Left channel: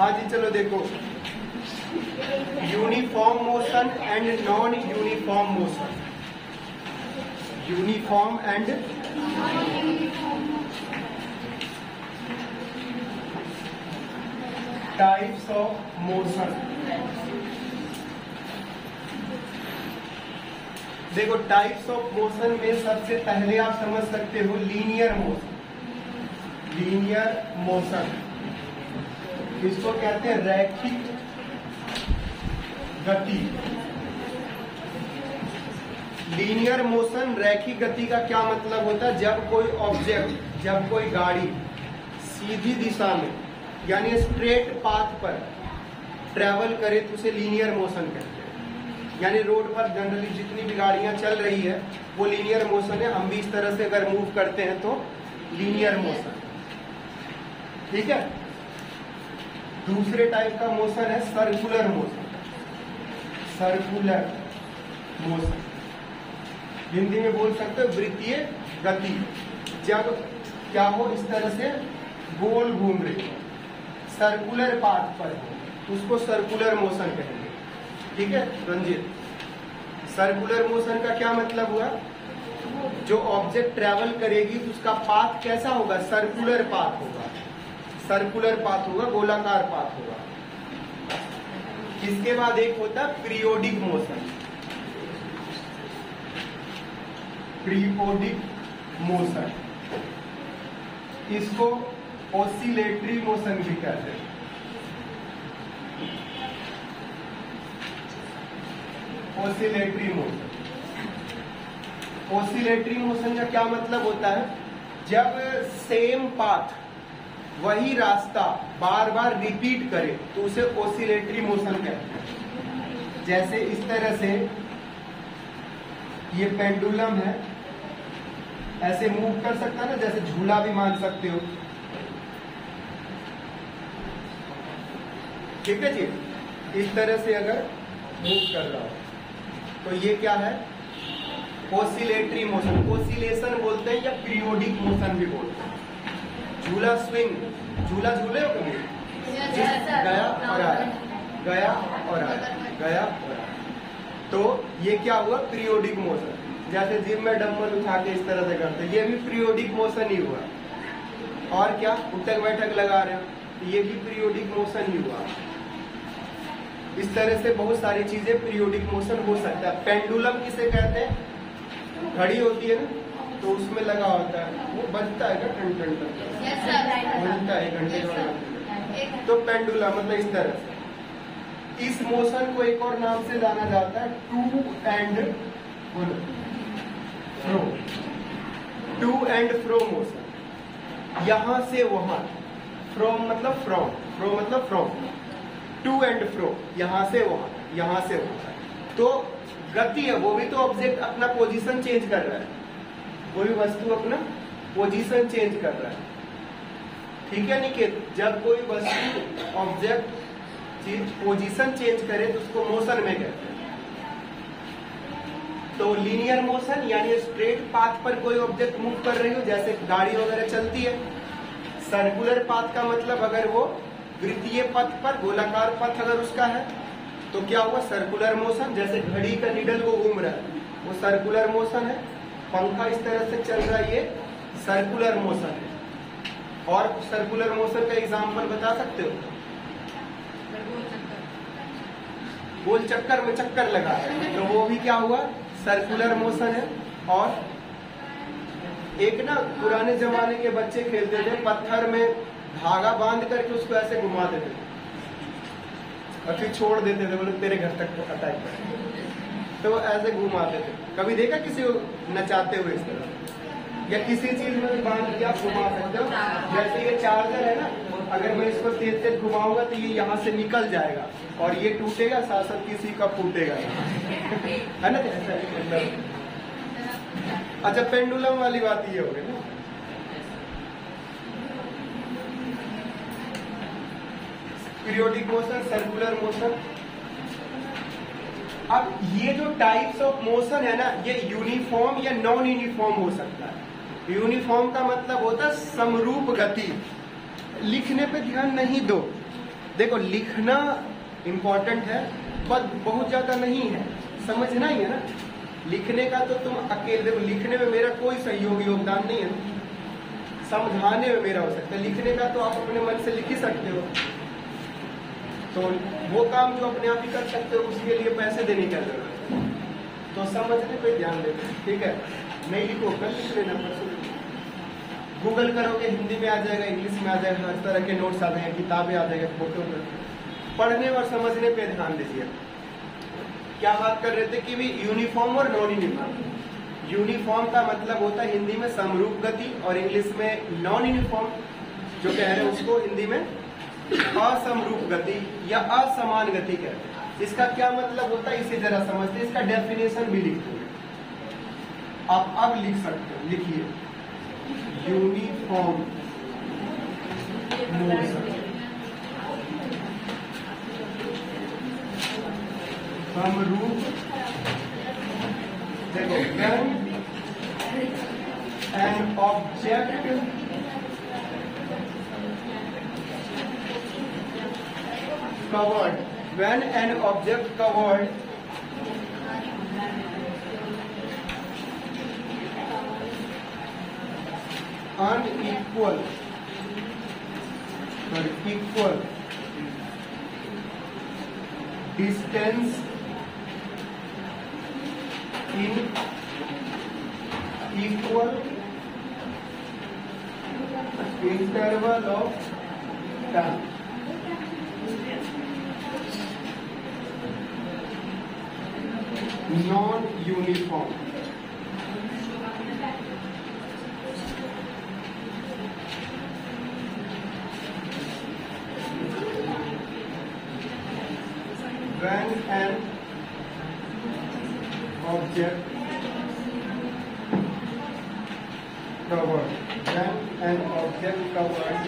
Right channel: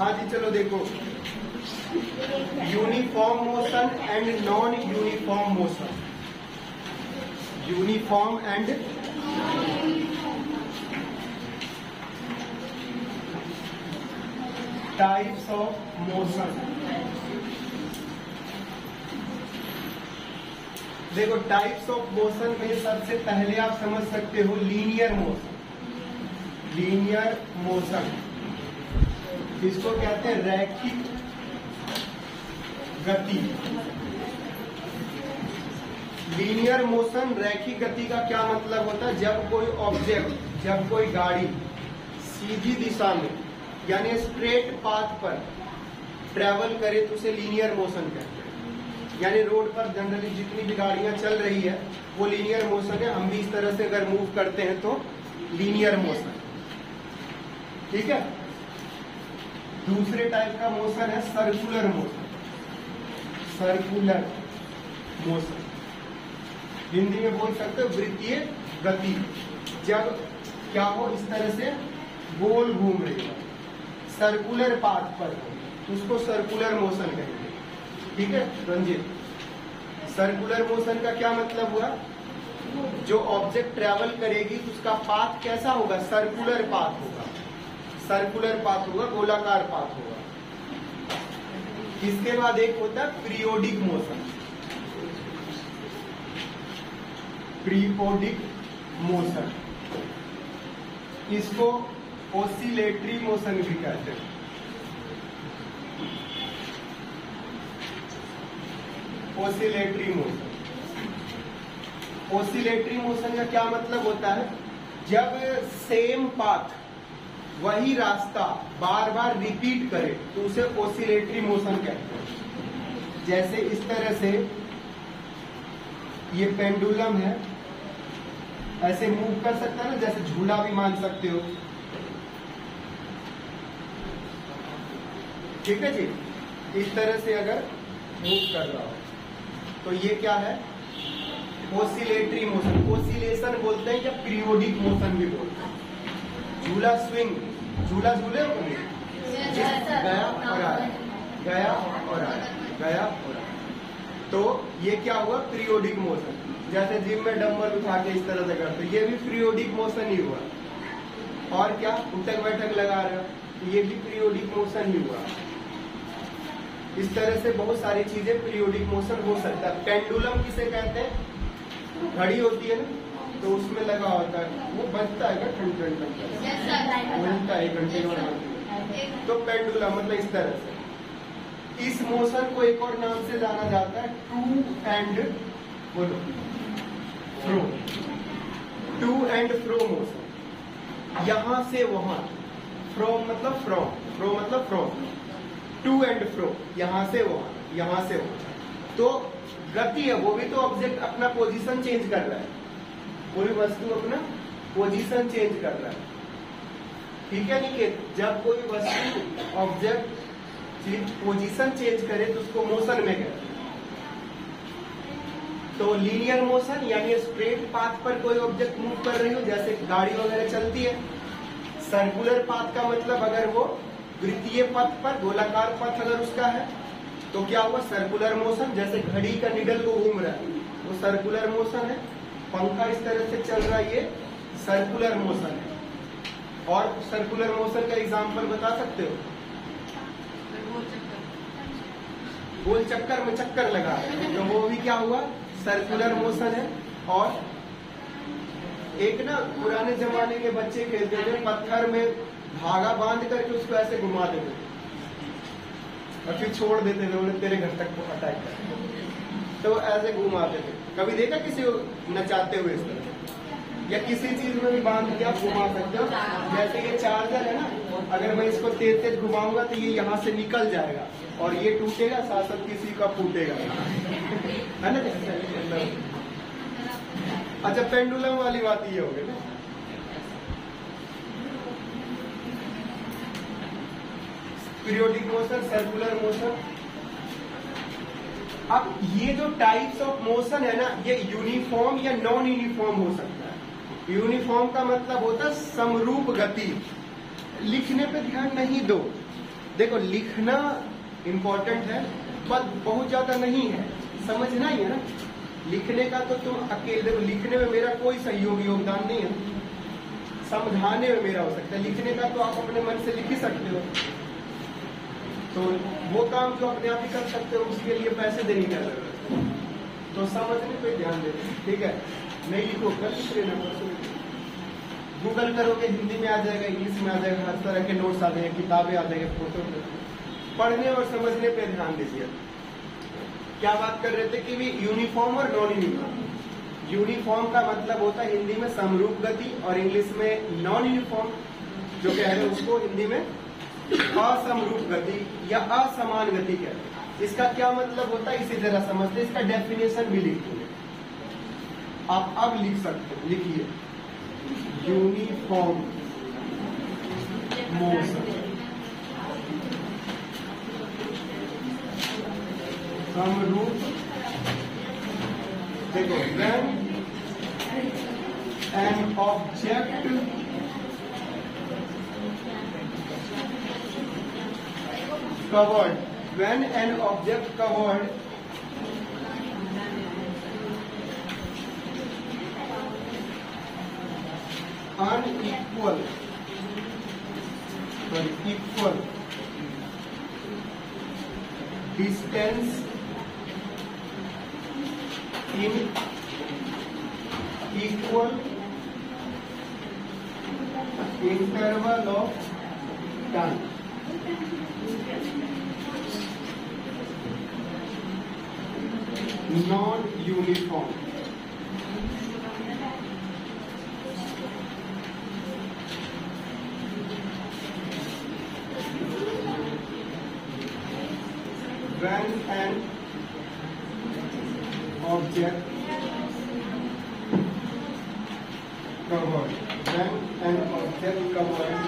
हाँ जी, चलो देखो, uniform motion and non uniform motion, uniform and types of motion. देखो, टाइप्स ऑफ मोशन में सबसे पहले आप समझ सकते हो लीनियर मोशन। लीनियर मोशन इसको कहते हैं रैखिक गति। लीनियर मोशन, रैखिक गति का क्या मतलब होता है? जब कोई ऑब्जेक्ट, जब कोई गाड़ी सीधी दिशा में यानी स्ट्रेट पाथ पर ट्रेवल करे तो उसे लीनियर मोशन कहते हैं। यानी रोड पर जनरली जितनी भी गाड़ियां चल रही है वो लीनियर मोशन है। हम भी इस तरह से अगर मूव करते हैं तो लीनियर मोशन, ठीक है। दूसरे टाइप का मोशन है circular motion. Circular motion Hindi में बोल सकते हो वृत्तीय गति। जब क्या हो, इस तरह से गोल घूम रही हो, सर्कुलर पाथ पर हो, तो उसको सर्कुलर मोशन कहेंगे, ठीक है रंजीत। सर्कुलर मोशन का क्या मतलब हुआ? जो ऑब्जेक्ट ट्रेवल करेगी तो उसका पाथ कैसा होगा? सर्कुलर पाथ होगा। सर्कुलर पाथ होगा, गोलाकार पाथ होगा। इसके बाद एक होता है पीरियोडिक मोशन। पीरियोडिक मोशन, इसको ऑसिलेटरी मोशन भी कहते हैं। ऑसिलेटरी मोशन, ऑसिलेटरी मोशन का क्या मतलब होता है? जब सेम पाथ, वही रास्ता बार बार रिपीट करे तो उसे ऑसिलेटरी मोशन कहते हैं। जैसे इस तरह से ये पेंडुलम है, ऐसे मूव कर सकता है ना, जैसे झूला भी मान सकते हो, ठीक है जी। इस तरह से अगर मूव कर रहा हो तो ये क्या है? Oscillatory motion. ऑसिलेशन बोलते हैं या पीरियोडिक मोशन भी बोलते हैं। झूला स्विंग, झूला झूले गया और आया, गया और आया, गया और आया, तो ये क्या हुआ? Periodic motion. जैसे जिम में डंबल उठा के इस तरह से करते, ये भी पीरियोडिक मोशन ही हुआ। और क्या, उठक बैठक लगा रहे हो, ये भी पीरियोडिक मोशन ही हुआ। इस तरह से बहुत सारी चीजें पीरियोडिक मोशन हो सकता है। पेंडुलम किसे कहते हैं? घड़ी होती है ना, तो उसमें लगा होता है, वो बजता है क्या? घंटा, एक घंटे का। तो पेंडुलम मतलब इस तरह से। इस मोशन को एक और नाम से जाना जाता है to and fro. To and fro motion, यहां से वहां, फ्रॉम मतलब फ्रॉम, फ्रो मतलब फ्रॉम, टू एंड फ्रो, यहां से वहां, यहां से वहां। तो गति है, वो भी तो ऑब्जेक्ट अपना पोजीशन चेंज कर रहा है, कोई वस्तु अपना पोजीशन चेंज कर रहा है, ठीक है निकेत। जब कोई वस्तु, ऑब्जेक्ट, चीज पोजीशन चेंज करे तो उसको मोशन में कहते हैं। तो लीनियर मोशन यानी स्ट्रेट पाथ पर कोई ऑब्जेक्ट मूव कर रही हो, जैसे गाड़ी वगैरह चलती है। सर्कुलर पाथ का मतलब अगर वो वृत्तीय पथ पर, गोलाकार पथ अगर उसका है तो क्या हुआ? Circular motion. जैसे घड़ी का निडल को घूम रहा है, वो सर्कुलर मोशन है। पंखा इस तरह से चल रहा है, ये सर्कुलर मोशन है। और सर्कुलर मोशन का एग्जांपल बता सकते हो? गोल चक्कर में चक्कर लगा है तो वो भी क्या हुआ? सर्कुलर मोशन है। और एक ना पुराने जमाने के बच्चे खेलते थे, पत्थर में धागा बांध करके उसको ऐसे घुमा देते थे और फिर छोड़ देते थे, बोले तेरे घर तक तो अटैक कर, तो ऐसे घुमाते थे। कभी देखा किसी को नचाते हुए इस तरह? या किसी चीज में भी बांध के आप घुमा सकते हो। जैसे ये चार्जर है ना, अगर मैं इसको तेज तेज घुमाऊंगा तो ये यहाँ से निकल जाएगा और ये टूटेगा, साथ साथ किसी का फूटेगा, है ना। अच्छा, पेंडुलम वाली बात ये हो गई ना। Periodic motion, circular motion. अब ये जो टाइप्स ऑफ मोशन है ना, ये यूनिफॉर्म या नॉन यूनिफॉर्म हो सकता है। यूनिफॉर्म का मतलब होता है समरूप गति। लिखने पे ध्यान नहीं दो, देखो लिखना इम्पोर्टेंट है पर बहुत ज्यादा नहीं है, समझना ही है ना। लिखने का तो तुम अकेले, लिखने में मेरा कोई सहयोगी योगदान नहीं है, समझाने में मेरा हो सकता है। लिखने का तो आप अपने मन से लिख ही सकते हो, तो वो काम जो अपने आप ही कर सकते हो उसके लिए पैसे देने की जरूरत है। तो समझने पे ध्यान दो, ठीक है। नहीं लिखो कर लिख लेना, गूगल करोगे हिंदी में आ जाएगा, इंग्लिश में आ जाएगा, हर तरह के नोट्स आ जाएंगे, किताबें आ जाएगा, फोटो। पढ़ने और समझने पे ध्यान दीजिए। क्या बात कर रहे थे कि भी यूनिफॉर्म और नॉन यूनिफॉर्म। यूनिफॉर्म का मतलब होता है हिंदी में समरूप गति और इंग्लिश में नॉन यूनिफॉर्म जो कह रहे हैं उसको हिंदी में असमरूप गति या असमान गति कहते हैं। इसका क्या मतलब होता है इसे जरा समझते, इसका डेफिनेशन भी लिखो, आप अब लिख सकते हो, लिखिए यूनिफॉर्म मोशन, समरूप। देखो when an object covered, when an object covered equal distance in equal interval of time, non-uniform। When an object covered, when an object covered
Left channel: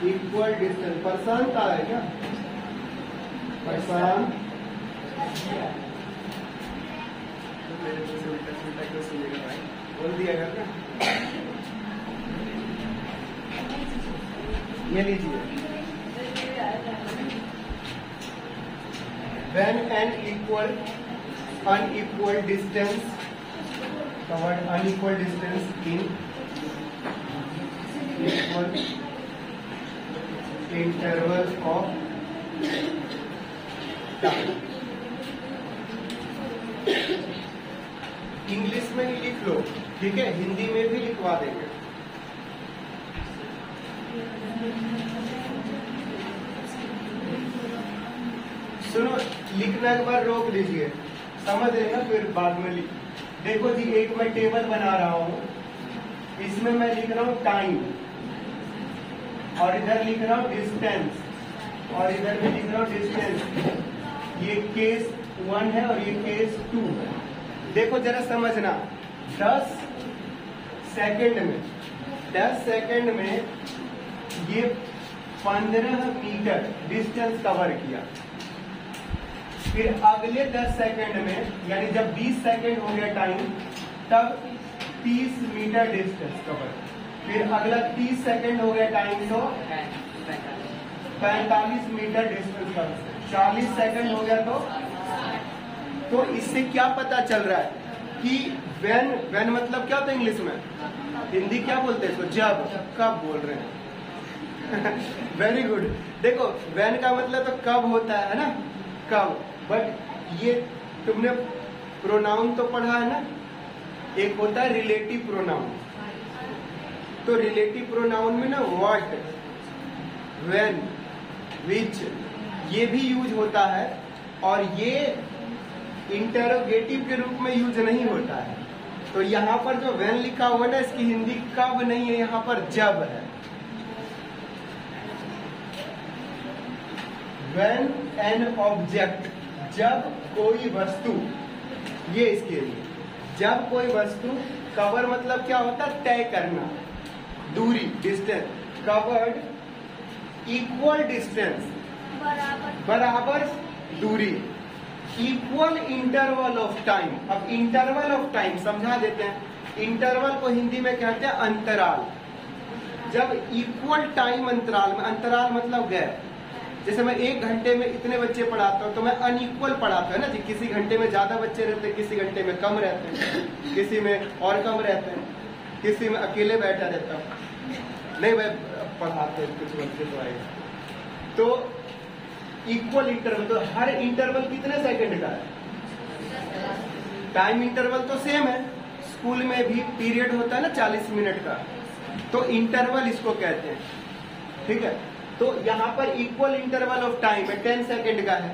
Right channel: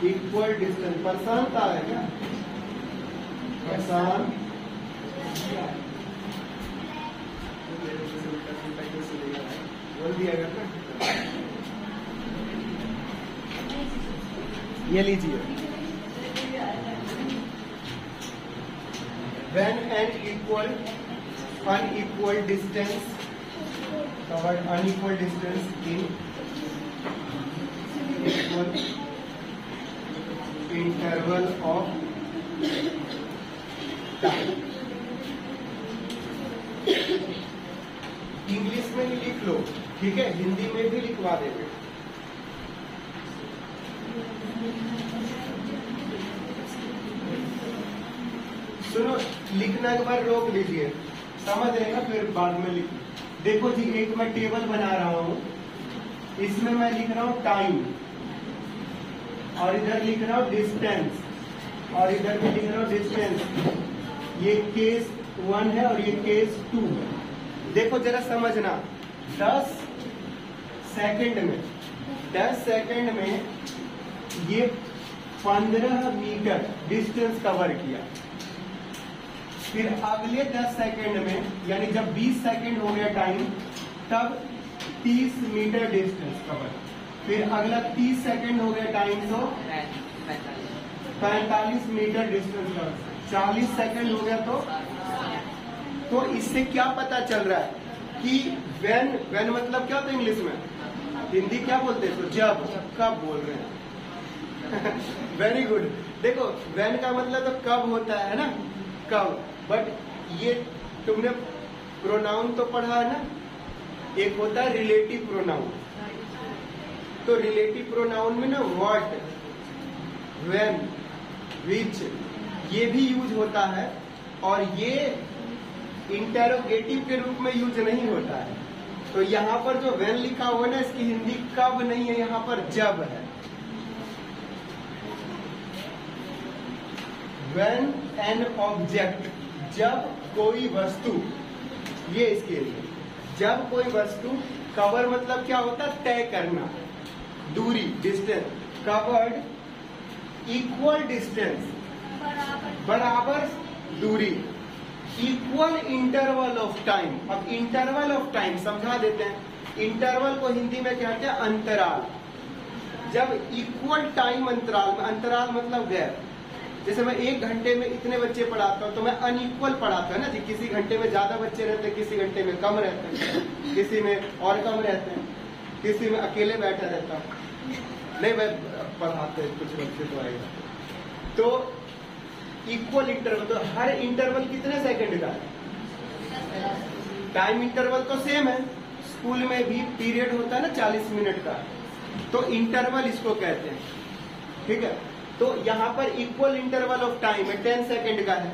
unequal distance, परसान आ रहा है क्या? परसान बोल दिया गया ना, ये लीजिए। When an unequal distance covered unequal distance in equal interval of time। English में लिख लो, ठीक है, हिंदी में भी लिखवा देंगे। सुनो, लिखना एक बार रोक लीजिए, समझ आएगा फिर बाद में लिख। देखो जी, एक मैं टेबल बना रहा हूं, इसमें मैं लिख रहा हूं टाइम और इधर लिख रहा हूं डिस्टेंस और इधर भी लिख रहा हूं डिस्टेंस। ये केस 1 है और ये केस 2 है। देखो जरा समझना, 10 सेकंड में ये 15 मीटर डिस्टेंस कवर किया। फिर अगले 10 सेकंड में, यानी जब 20 सेकंड हो गया टाइम, तब 30 मीटर डिस्टेंस कवर। फिर अगला 30 सेकंड हो गया टाइम तो 45 मीटर डिस्टेंस कवर। 40 सेकंड हो गया तो इससे क्या पता चल रहा है कि व्हेन मतलब क्या था इंग्लिश में, हिंदी क्या बोलते हैं, तो जब, कब बोल रहे हैं। Very good. देखो व्हेन का मतलब तो कब होता है ना, कब। बट ये तुमने प्रोनाउन तो पढ़ा है ना, एक होता है रिलेटिव प्रोनाउन। तो रिलेटिव प्रोनाउन में ना व्हाट, व्हेन, विच ये भी यूज होता है, और ये इंटरोगेटिव के रूप में यूज नहीं होता है। तो यहाँ पर जो व्हेन लिखा हुआ है ना, इसकी हिंदी कब नहीं है, यहाँ पर जब है। व्हेन एन ऑब्जेक्ट, जब कोई वस्तु, ये इसके लिए, जब कोई वस्तु, कवर मतलब क्या होता है, तय करना, दूरी, डिस्टेंस, कवर्ड इक्वल डिस्टेंस, बराबर दूरी, इक्वल इंटरवल ऑफ टाइम। अब इंटरवल ऑफ टाइम समझा देते हैं। इंटरवल को हिंदी में कहते हैं अंतराल। जब इक्वल टाइम अंतराल में, अंतराल मतलब गैप, जैसे मैं 1 घंटे में इतने बच्चे पढ़ाता हूँ तो मैं अनइक्वल पढ़ाता हूँ ना जी। किसी घंटे में ज्यादा बच्चे रहते हैं, किसी घंटे में कम रहते हैं, किसी में और कम रहते हैं, किसी में अकेले बैठा रहता हूँ। नहीं, मैं पढ़ाते हैं कुछ बच्चे तो आएगा। तो इक्वल इंटरवल, तो हर इंटरवल कितने सेकंड का है? टाइम इंटरवल तो सेम है, स्कूल में भी पीरियड होता है ना 40 मिनट का, तो इंटरवल इसको कहते हैं, ठीक है। तो यहाँ पर इक्वल इंटरवल ऑफ टाइम है, 10 सेकंड का है।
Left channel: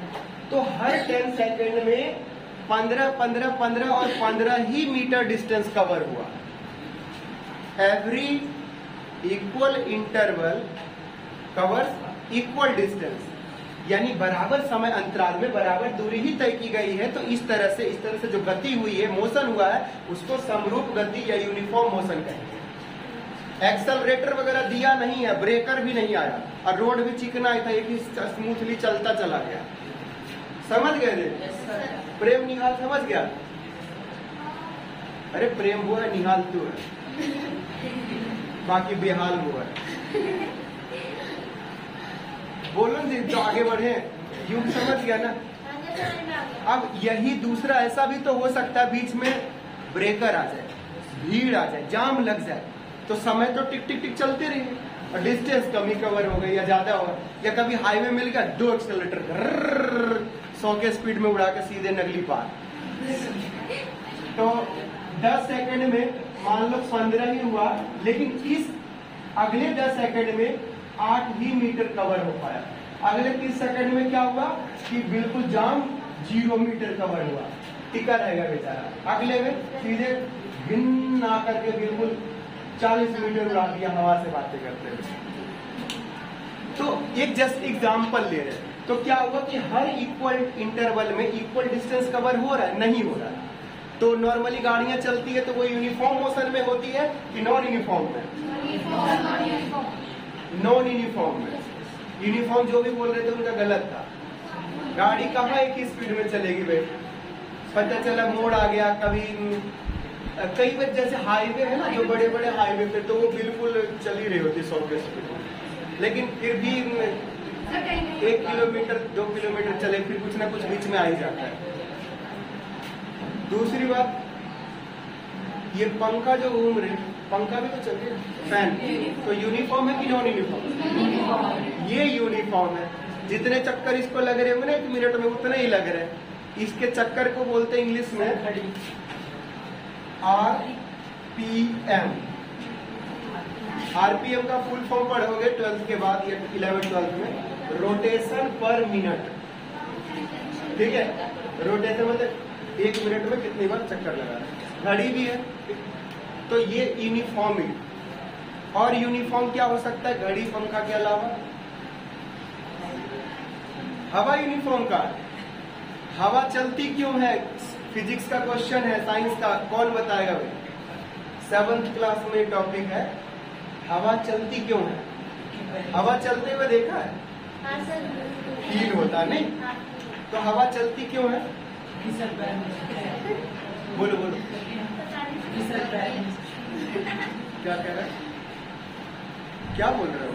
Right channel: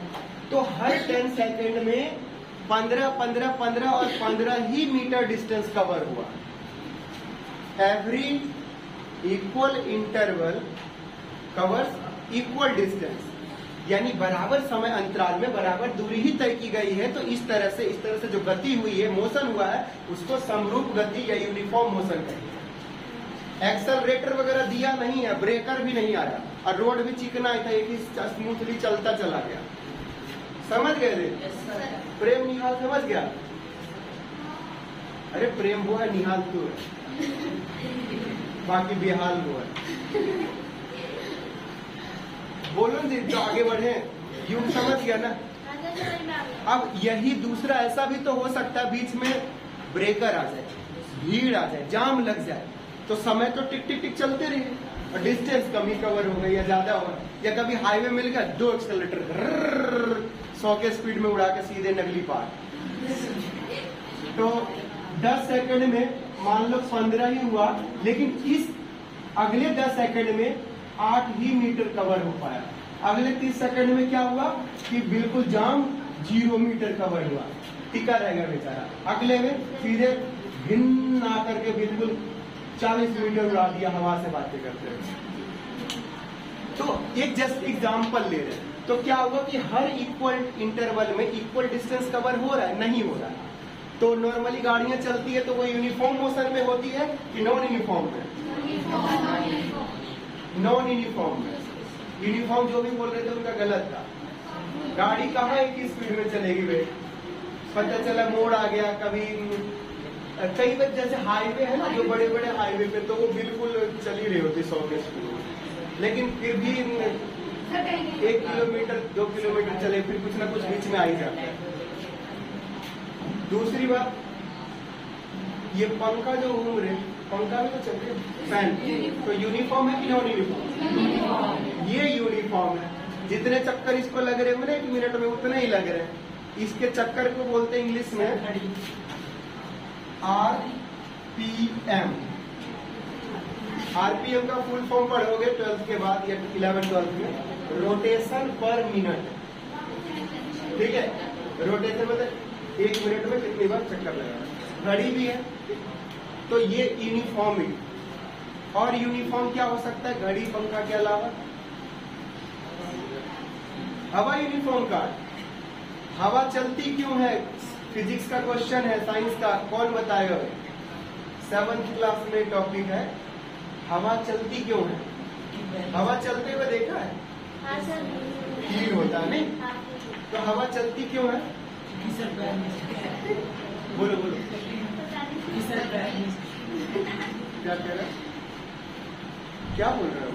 तो हर 10 सेकंड में 15, 15, 15 और 15 ही मीटर डिस्टेंस कवर हुआ। Every equal interval covers equal distance, यानी बराबर समय अंतराल में बराबर दूरी ही तय की गई है। तो इस तरह से जो गति हुई है, मोशन हुआ है, उसको समरूप गति या यूनिफॉर्म मोशन कहेंगे। एक्सेलरेटर वगैरह दिया नहीं है, ब्रेकर भी नहीं आया, और रोड भी चिकना था, एक ही स्मूथली चलता चला गया। समझ गए? प्रेम निहाल समझ गया? अरे प्रेम वो है, निहाल क्यों है, बाकी बेहाल वो है। बोलो जी, तो आगे बढ़े। युग समझ गया ना? अब यही दूसरा ऐसा भी तो हो सकता है, बीच में ब्रेकर आ जाए, भीड़ आ जाए, जाम लग जाए, तो समय तो टिक टिक टिक चलते रही, और डिस्टेंस कमी कवर हो गई या ज्यादा हो, या कभी हाईवे मिल गया, 2 एक्सेलरेटर 100 के स्पीड में उड़ा के सीधे नगली पार। तो 10 सेकंड में मान लो 15 ही हुआ, लेकिन इस अगले 10 सेकंड में 8 ही मीटर कवर हो पाया। अगले 30 सेकंड में क्या हुआ कि बिल्कुल जाम 0 मीटर कवर हुआ, टिका रहेगा बेचारा। अगले में सीधे भिन्न ना करके बिल्कुल 40 मीटर उड़ा दिया हवा से बातें करते हुए। तो एक जस्ट एग्जाम्पल ले रहे, तो क्या हुआ कि हर इक्वल इंटरवल में इक्वल डिस्टेंस कवर हो रहा है? नहीं हो रहा। तो नॉर्मली गाड़ियां चलती है तो वो यूनिफॉर्म मोशन में होती है कि नॉन यूनिफॉर्म में? नॉन यूनिफॉर्म में। यूनिफॉर्म जो भी बोल रहे थे उनका गलत था। गाड़ी कहाँ एक ही स्पीड में चलेगी भाई? पता चला मोड़ आ गया, कभी कई बार जैसे हाईवे है ना, जो बड़े बड़े हाईवे पे, तो वो बिल्कुल चल ही रही होती 100 के स्पीड में, लेकिन फिर भी 1 किलोमीटर 2 किलोमीटर चले, फिर कुछ ना कुछ बीच में आ ही जाता है। दूसरी बात, ये पंखा जो घूम रहे, पंखा भी तो चलते फैन, तो यूनिफॉर्म है कि नॉन यूनिफॉर्म? ये यूनिफॉर्म है। जितने चक्कर इसको लग रहे होंगे ना 1 मिनट में, उतने ही लग रहे। इसके चक्कर को बोलते हैं इंग्लिश में RPM। RPM का फुल फॉर्म पढ़ोगे 12th के बाद या 11th-12th में, रोटेशन पर मिनट। ठीक है, रोटेशन मतलब 1 मिनट में कितनी बार चक्कर लगा। घड़ी भी है, तो ये यूनिफॉर्म। और यूनिफॉर्म क्या हो सकता है घड़ी पंखा के अलावा? हवा यूनिफॉर्म का। हवा चलती क्यों है? फिजिक्स का क्वेश्चन है, साइंस का, कौन बताएगा? 7th क्लास में एक टॉपिक है, हवा चलती क्यों है। हवा चलते हुए देखा है? हाँ सर। फील होता है नहीं? हाँ। तो हवा चलती क्यों है? बोलो बोलो। क्या कह रहे? क्या बोल रहे हो?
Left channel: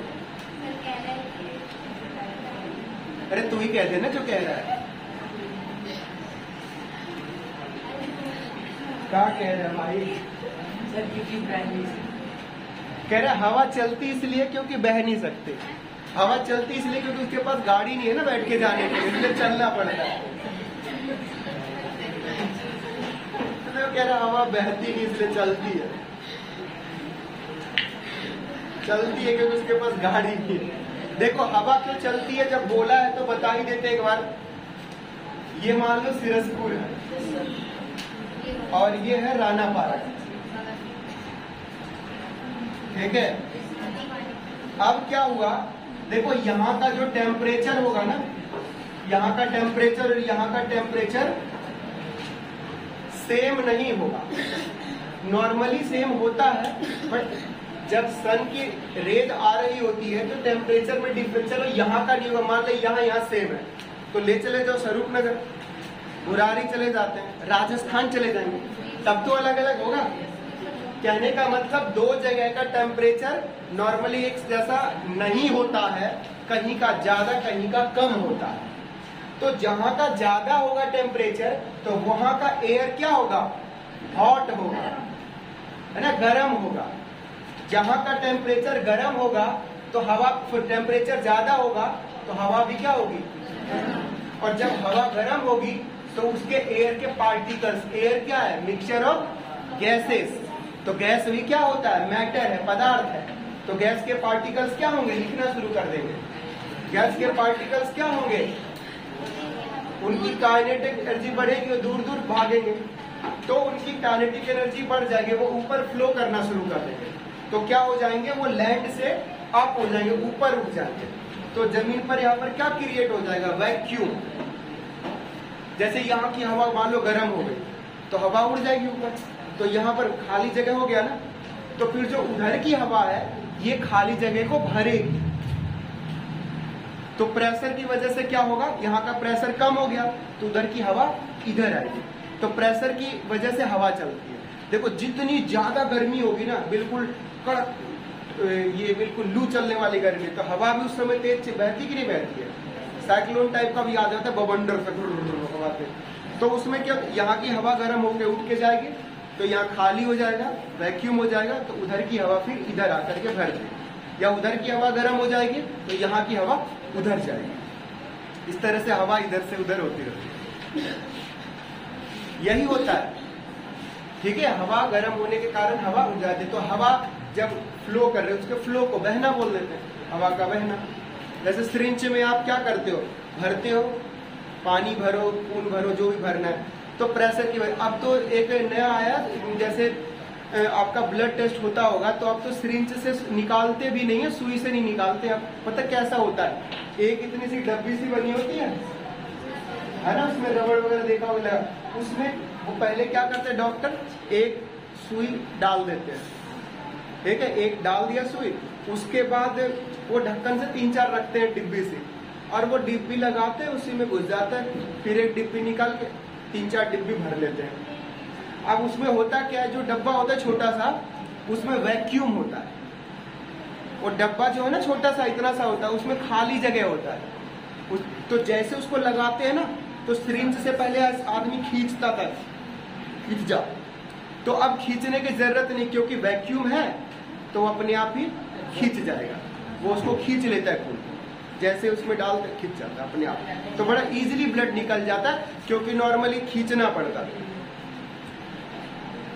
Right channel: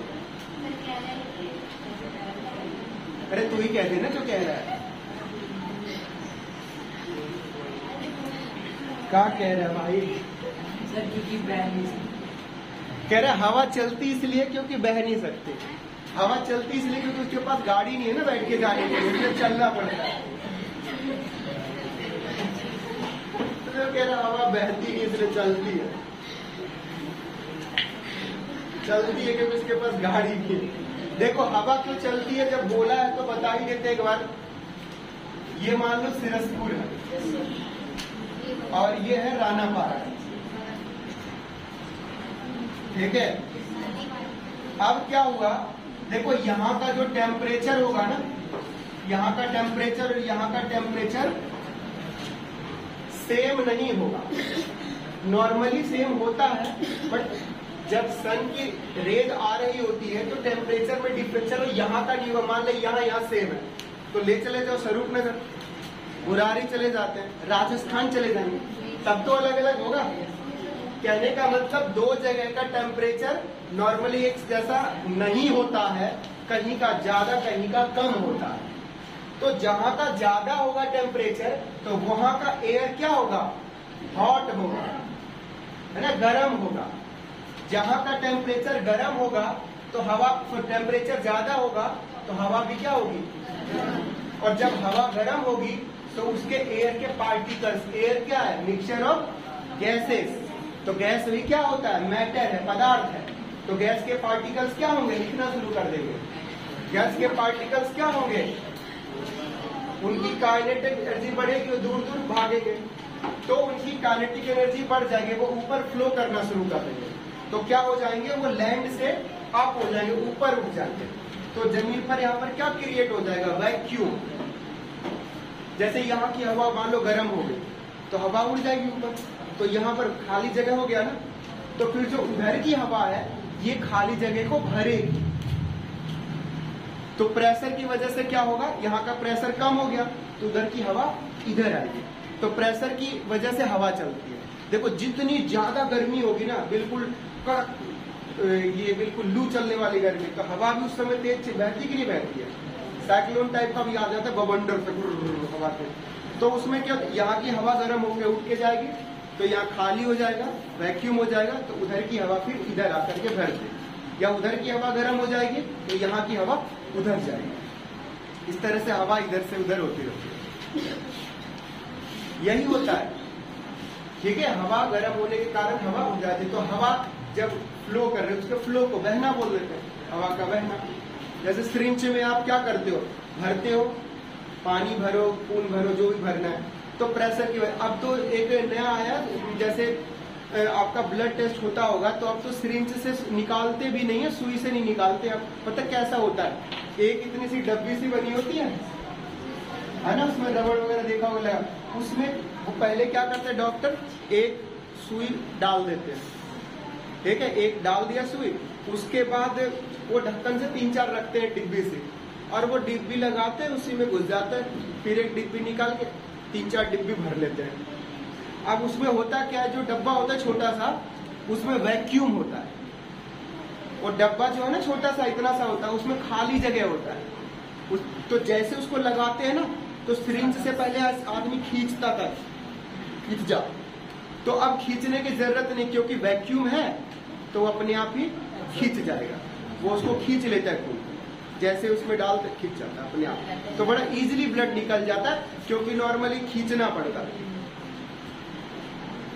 अरे तू ही कह दे ना जो कह रहा है। क्या कह रहा है भाई? सर क्योंकि बह नहीं सकते। कह रहे हवा चलती इसलिए क्योंकि बह नहीं सकते। हवा चलती इसलिए क्योंकि उसके पास गाड़ी नहीं है ना बैठ के जाने के लिए, इसलिए चलना पड़ता है। तो कह रहा हवा बहती नहीं इसलिए चलती है। चलती है क्योंकि उसके पास गाड़ी नहीं है। देखो हवा क्यों चलती है, जब बोला है तो बता ही देते एक बार। ये मान लो सिरसपुर है और ये है रानापारा, ठीक है। अब क्या हुआ, देखो यहाँ का जो टेम्परेचर होगा ना, यहाँ का टेम्परेचर यहाँ का टेम्परेचर सेम नहीं होगा। नॉर्मली सेम होता है, बट जब सन की रेज आ रही होती है तो टेम्परेचर में डिफरेंस। चलो यहाँ का नहीं होगा, मान लो यहाँ सेम है, तो ले चले जाओ स्वरूपनगर, मुरारी चले जाते हैं, राजस्थान चले जाएंगे, तब तो अलग अलग होगा। कहने का मतलब दो जगह का टेम्परेचर नॉर्मली एक जैसा नहीं होता है, कहीं का ज्यादा कहीं का कम होता है। तो जहां का ज्यादा होगा टेम्परेचर तो वहां का एयर क्या होगा, हॉट होगा, है ना, गर्म होगा। जहां का टेम्परेचर गर्म होगा तो हवा, टेम्परेचर ज्यादा होगा तो हवा भी क्या होगी, और जब हवा गर्म होगी तो उसके एयर के पार्टिकल्स, एयर क्या है, मिक्सचर ऑफ गैसेस, तो गैस भी क्या होता है, मैटर है, पदार्थ है। तो गैस के पार्टिकल्स क्या होंगे, लिखना शुरू कर देंगे। गैस के पार्टिकल्स क्या होंगे, उनकी काइनेटिक एनर्जी बढ़ेगी, दूर दूर भागेंगे, तो उनकी काइनेटिक एनर्जी बढ़ जाएगी, वो ऊपर फ्लो करना शुरू कर देंगे। तो क्या हो जाएंगे, वो लैंड से अप हो जाएंगे, ऊपर उठ जाएंगे। तो जमीन पर यहाँ पर क्या क्रिएट हो जाएगा, वैक्यूम। जैसे यहाँ की हवा मान लो गर्म हो गई तो हवा उड़ जाएगी ऊपर, तो यहाँ पर खाली जगह हो गया ना, तो फिर जो उधर की हवा है ये खाली जगह को भरेगी। तो प्रेशर की वजह से क्या होगा, यहाँ का प्रेशर कम हो गया तो उधर की हवा इधर आएगी। तो प्रेशर की वजह से हवा चलती है। देखो जितनी ज्यादा गर्मी होगी ना, बिल्कुल कड़क, ये बिल्कुल लू चलने वाली गर्मी, तो हवा भी उस समय तेज बहती कि नहीं बहती है, साइक्लोन टाइप का भी आ जाता है, बवंडर से हवा से। तो उसमें क्या, यहाँ की हवा गर्म होकर उठ के जाएगी तो यहाँ खाली हो जाएगा, वैक्यूम हो जाएगा, तो उधर की हवा फिर इधर आकर के भर देगी, या उधर की हवा गर्म हो जाएगी तो यहाँ की हवा उधर जाएगी। इस तरह से हवा इधर से उधर होती रहती है, यही होता है, ठीक है। हवा गर्म होने के कारण हवा उड़ जाती है। तो हवा जब फ्लो कर रहे हो, उसके फ्लो को बहना बोल देते हैं, हवा का बहना। जैसे सिरिंज में आप क्या करते हो, भरते हो, पानी भरो, खून भरो, जो भी भरना है, तो प्रेशर की वजह। अब तो एक नया आया, जैसे आपका ब्लड टेस्ट होता होगा तो अब तो सिरिंज से निकालते भी नहीं है, सुई से नहीं निकालते। अब पता कैसा होता है, एक इतनी सी डब्बी सी बनी होती है ना, उसमें रबड़ वगैरह देखा होगा, उसमें वो पहले क्या करते हैं डॉक्टर, एक सुई डाल देते हैं, ठीक है, एक डाल दिया सुई, उसके बाद वो ढक्कन से 3-4 रखते हैं डिब्बी से, और वो डिब्बी लगाते हैं, उसी में घुस जाता है, फिर एक डिब्बी निकाल के 3-4 डिब्बी भर लेते हैं। अब उसमें होता क्या है, जो डब्बा होता है छोटा सा, उसमें वैक्यूम होता है। वो डब्बा जो है ना छोटा सा, इतना सा होता है, उसमें खाली जगह होता है। तो जैसे उसको लगाते हैं ना, तो सिरिंज से पहले आदमी खींचता था, खींच जा, तो अब खींचने की जरूरत नहीं, क्योंकि वैक्यूम है तो वो अपने आप ही खींच जाएगा, वो उसको खींच लेता है खून, जैसे उसमें डालते खींच जाता है अपने आप। तो बड़ा इजीली ब्लड निकल जाता है, क्योंकि नॉर्मली खींचना पड़ता है,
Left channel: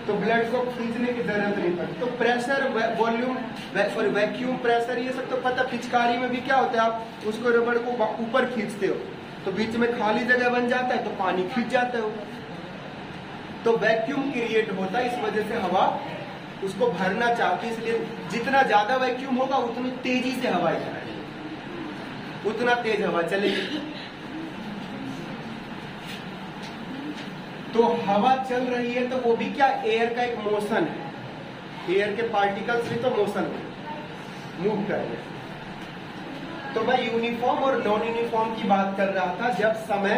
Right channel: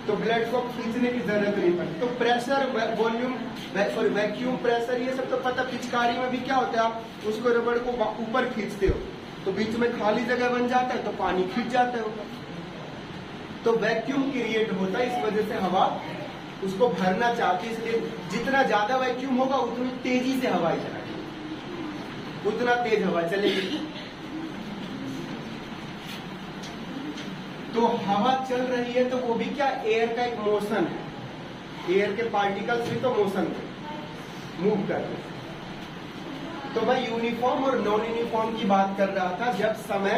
तो ब्लड को खींचने की जरूरत नहीं पड़ती। तो प्रेशर, वॉल्यूम और वैक्यूम प्रेशर, ये सब तो पता। पिचकारी में भी क्या होता है, आप उसको रबड़ को ऊपर खींचते हो तो बीच में खाली जगह बन जाता है, तो पानी खींच जाता है, तो वैक्यूम क्रिएट होता है। इस वजह से हवा उसको भरना चाहती है, इसलिए जितना ज्यादा वैक्यूम होगा उतनी तेजी से हवा चलेगी, उतना तेज हवा चलेगी। तो हवा चल रही है तो वो भी क्या, एयर का एक मोशन है, एयर के पार्टिकल्स भी तो मोशन है, मूव कर रहे हैं। तो मैं यूनिफॉर्म और नॉन यूनिफॉर्म की बात कर रहा था। जब समय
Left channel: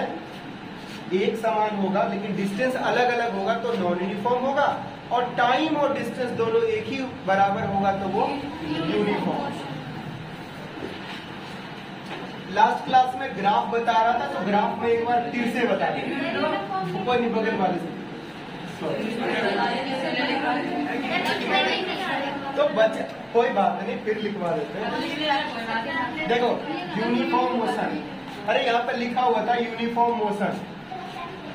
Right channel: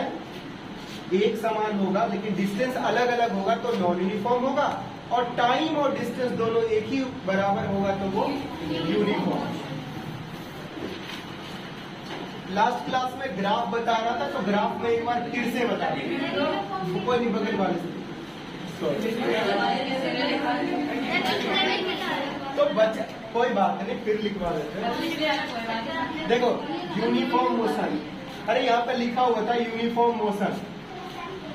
एक समान होगा लेकिन डिस्टेंस अलग अलग होगा तो नॉन यूनिफॉर्म होगा, और टाइम और डिस्टेंस दोनों एक ही बराबर होगा तो वो यूनिफॉर्म। लास्ट क्लास में ग्राफ बता रहा था, तो ग्राफ में एक बार फिर से बता देंगे, ऊपर नहीं बगल वाले से। तो बच्चा कोई बात नहीं, फिर लिखवा देते हैं। देखो यूनिफॉर्म मोशन, अरे यहाँ पर लिखा हुआ था यूनिफॉर्म मोशन,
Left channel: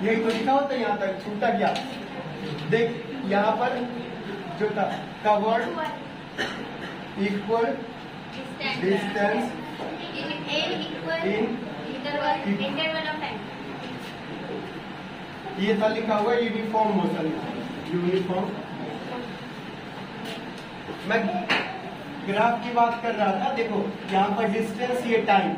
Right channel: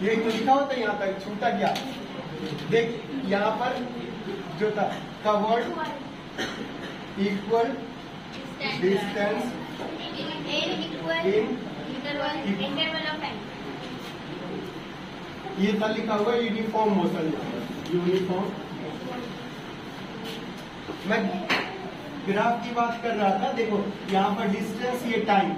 यही तो लिखा होता है, यहाँ तक छूटा क्या, देख यहाँ पर जो था कवर्ड इक्वल डिस्टेंस ये था लिखा हुआ यूनिफॉर्म मोशन, यूनिफॉर्म। मैं ग्राफ की बात कर रहा था, देखो यहाँ पर डिस्टेंस, ये टाइम,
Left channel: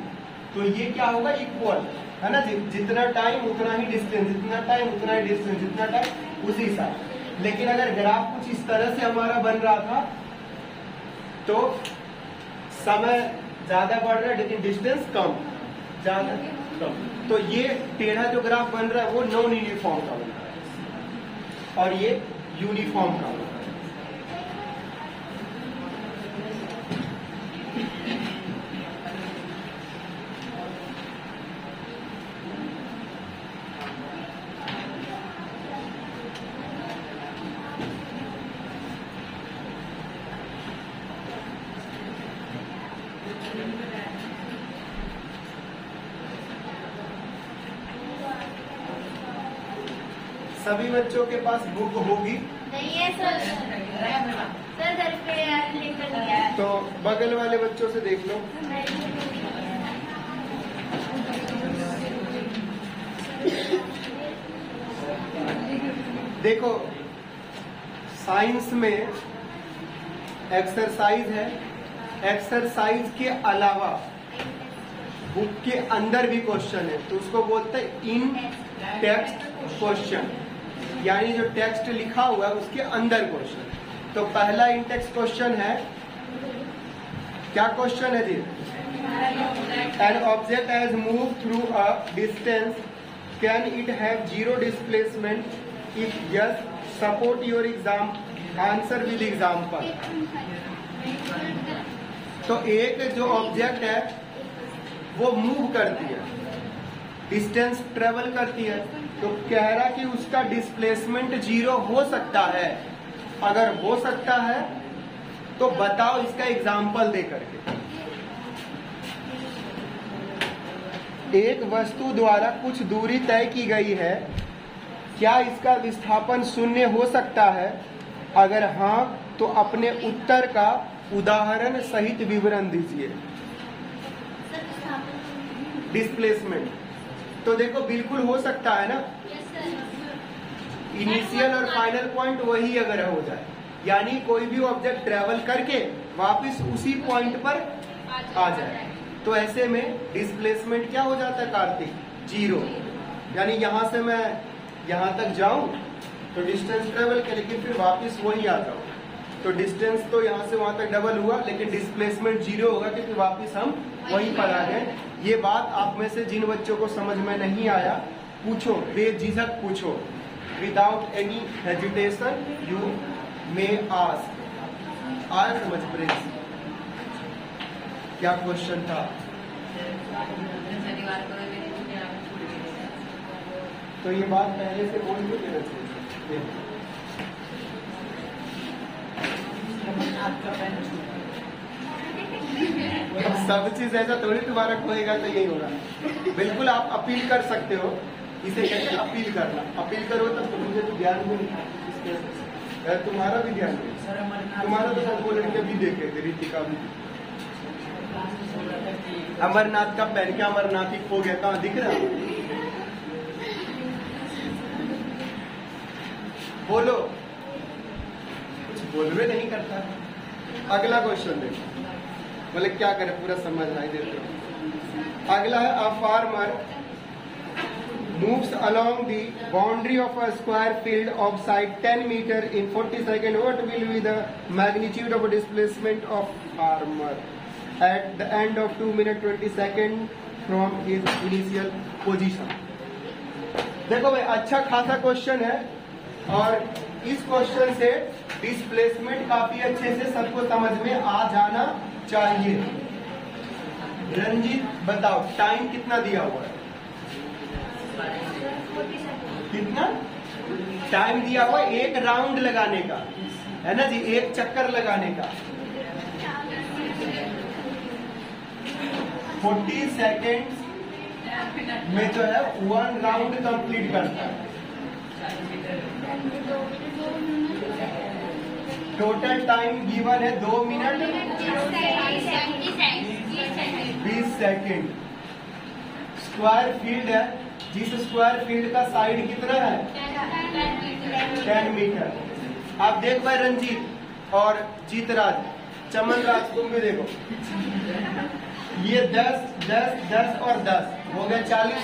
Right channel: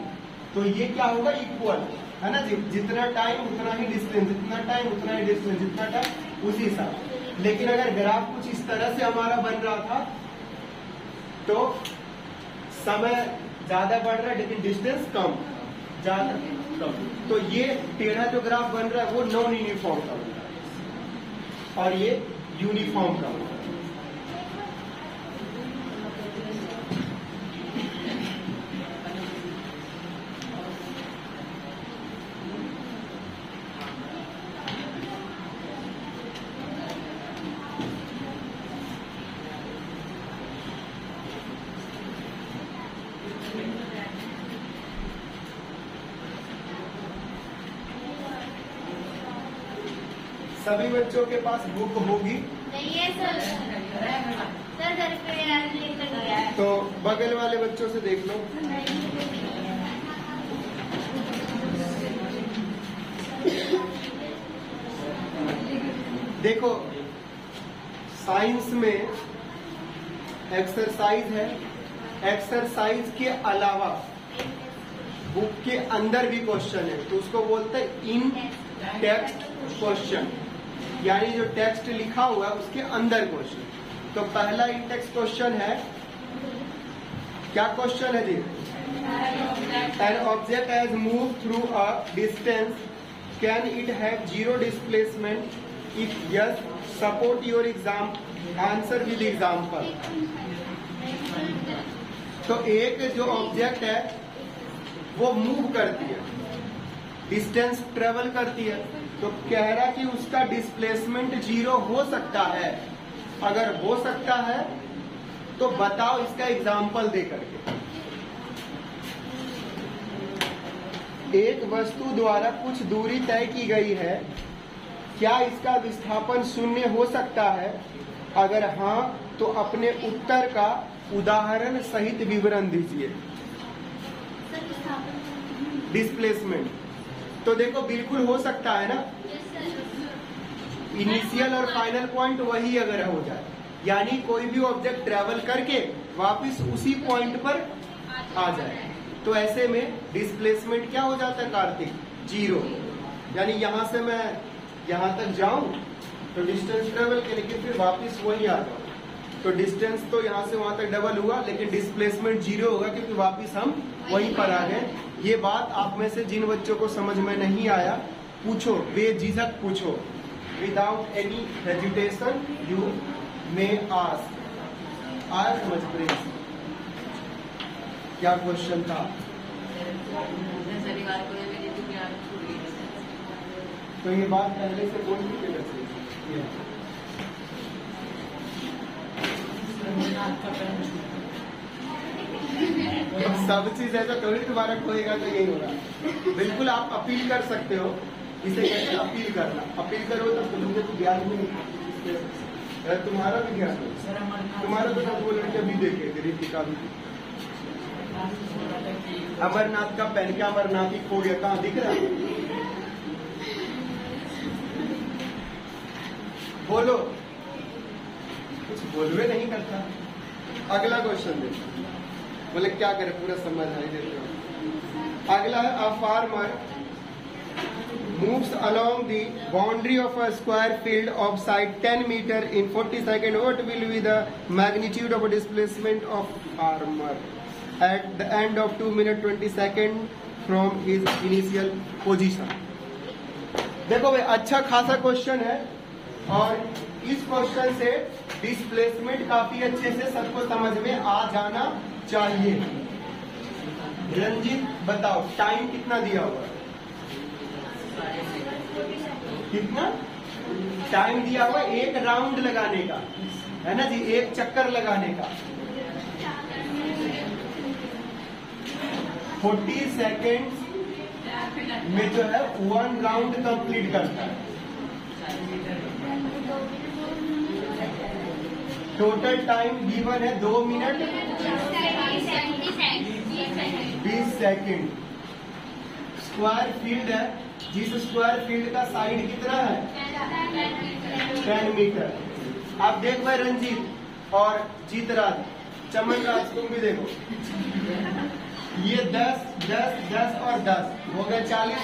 तो ये क्या होगा, इक्वल है ना, जितना टाइम उतना ही डिस्टेंस, जितना टाइम उतना ही डिस्टेंस, जितना टाइम उसी हिसाब। लेकिन अगर ग्राफ कुछ इस तरह से हमारा बन रहा था तो समय ज्यादा बढ़ रहा है लेकिन डिस्टेंस कम, ज्यादा कम, तो ये टेढ़ा जो ग्राफ बन रहा है वो नॉन यूनिफॉर्म का बन रहा है, और ये यूनिफॉर्म का बन रहा है। सभी बच्चों के पास बुक होगी? नहीं है सर, सर घर पे लेकर गया है। तो बगल वाले बच्चों से देख लो। देखो, साइंस में एक्सरसाइज है, एक्सरसाइज के अलावा बुक के अंदर भी क्वेश्चन है, तो उसको बोलते हैं इन टेक्स्ट क्वेश्चन, यानी जो टेक्स्ट लिखा हुआ है उसके अंदर क्वेश्चन। तो पहला इन टेक्स्ट क्वेश्चन है, क्या क्वेश्चन है जी? An object has move through a distance, can it have zero displacement? If yes, support your exam answer with example. तो एक जो ऑब्जेक्ट है वो मूव करती है, डिस्टेंस ट्रेवल करती है, तो कह रहा कि उसका डिस्प्लेसमेंट जीरो हो सकता है। अगर हो सकता है तो बताओ इसका एग्जाम्पल दे करके। एक वस्तु द्वारा कुछ दूरी तय की गई है, क्या इसका विस्थापन शून्य हो सकता है? अगर हाँ तो अपने उत्तर का उदाहरण सहित विवरण दीजिए। डिस्प्लेसमेंट तो देखो बिल्कुल हो सकता है ना, इनिशियल और फाइनल पॉइंट वही अगर हो जाए, यानी कोई भी ऑब्जेक्ट ट्रेवल करके वापस उसी पॉइंट पर आ जाए, तो ऐसे में डिस्प्लेसमेंट क्या हो जाता है कार्तिक? जीरो। यानी यहां से मैं यहां तक जाऊं तो डिस्टेंस ट्रेवल के, लेकिन फिर वापस वही आता हूं, तो डिस्टेंस तो यहां से वहां तक डबल हुआ, लेकिन डिस्प्लेसमेंट जीरो होगा क्योंकि वापस हम वहीं पर आ गए। ये बात आप में से जिन बच्चों को समझ में नहीं आया, पूछो, बेझिझक पूछो, without any hesitation you may ask. आया समझ में क्या क्वेश्चन था? तो ये बात पहले से बोल दी मेरे से। सब चीज ऐसा थोड़ी तुम्हारा खोएगा तो यही होगा। बिल्कुल आप अपील कर सकते हो, इसे कैसे अपील करना? अपील करो तो मुझे तो ज्ञान भी नहीं, तुम्हारा भी ध्यान दो, तुम्हारा भी वो लड़के भी देखे, रीतिका भी। अमरनाथ का पैर, क्या अमरनाथ ही खो गया, कहाँ दिख रहा? बोलो, कुछ बोलवे नहीं करता। अगला क्वेश्चन देखो, बोले क्या करे, पूरा समझ आए देखो। अगला है, a farmer moves along the boundary of a square field of side 10 meter in 40 seconds. What will be the magnitude of displacement of farmer at the end of 2 minutes 20 seconds from his initial position? देखो भाई, अच्छा खासा question है और इस question से displacement काफी अच्छे से सबको समझ में आ जाना चाहिए। रंजीत बताओ, टाइम कितना दिया हुआ है? कितना टाइम दिया हुआ? एक राउंड लगाने का है ना जी, एक चक्कर लगाने का। 40 सेकेंड्स में जो है 1 राउंड कंप्लीट करता है। टोटल टाइम गिवन है 2 मिनट 20 सेकेंड। स्क्वायर फील्ड है, जिस स्क्वायर फील्ड का साइड कितना है? 10 मीटर। आप देख भाई रंजीत और जीतराज, चमनराज, तुम भी देखो, ये 10, 10, 10 और 10 हो गए 40,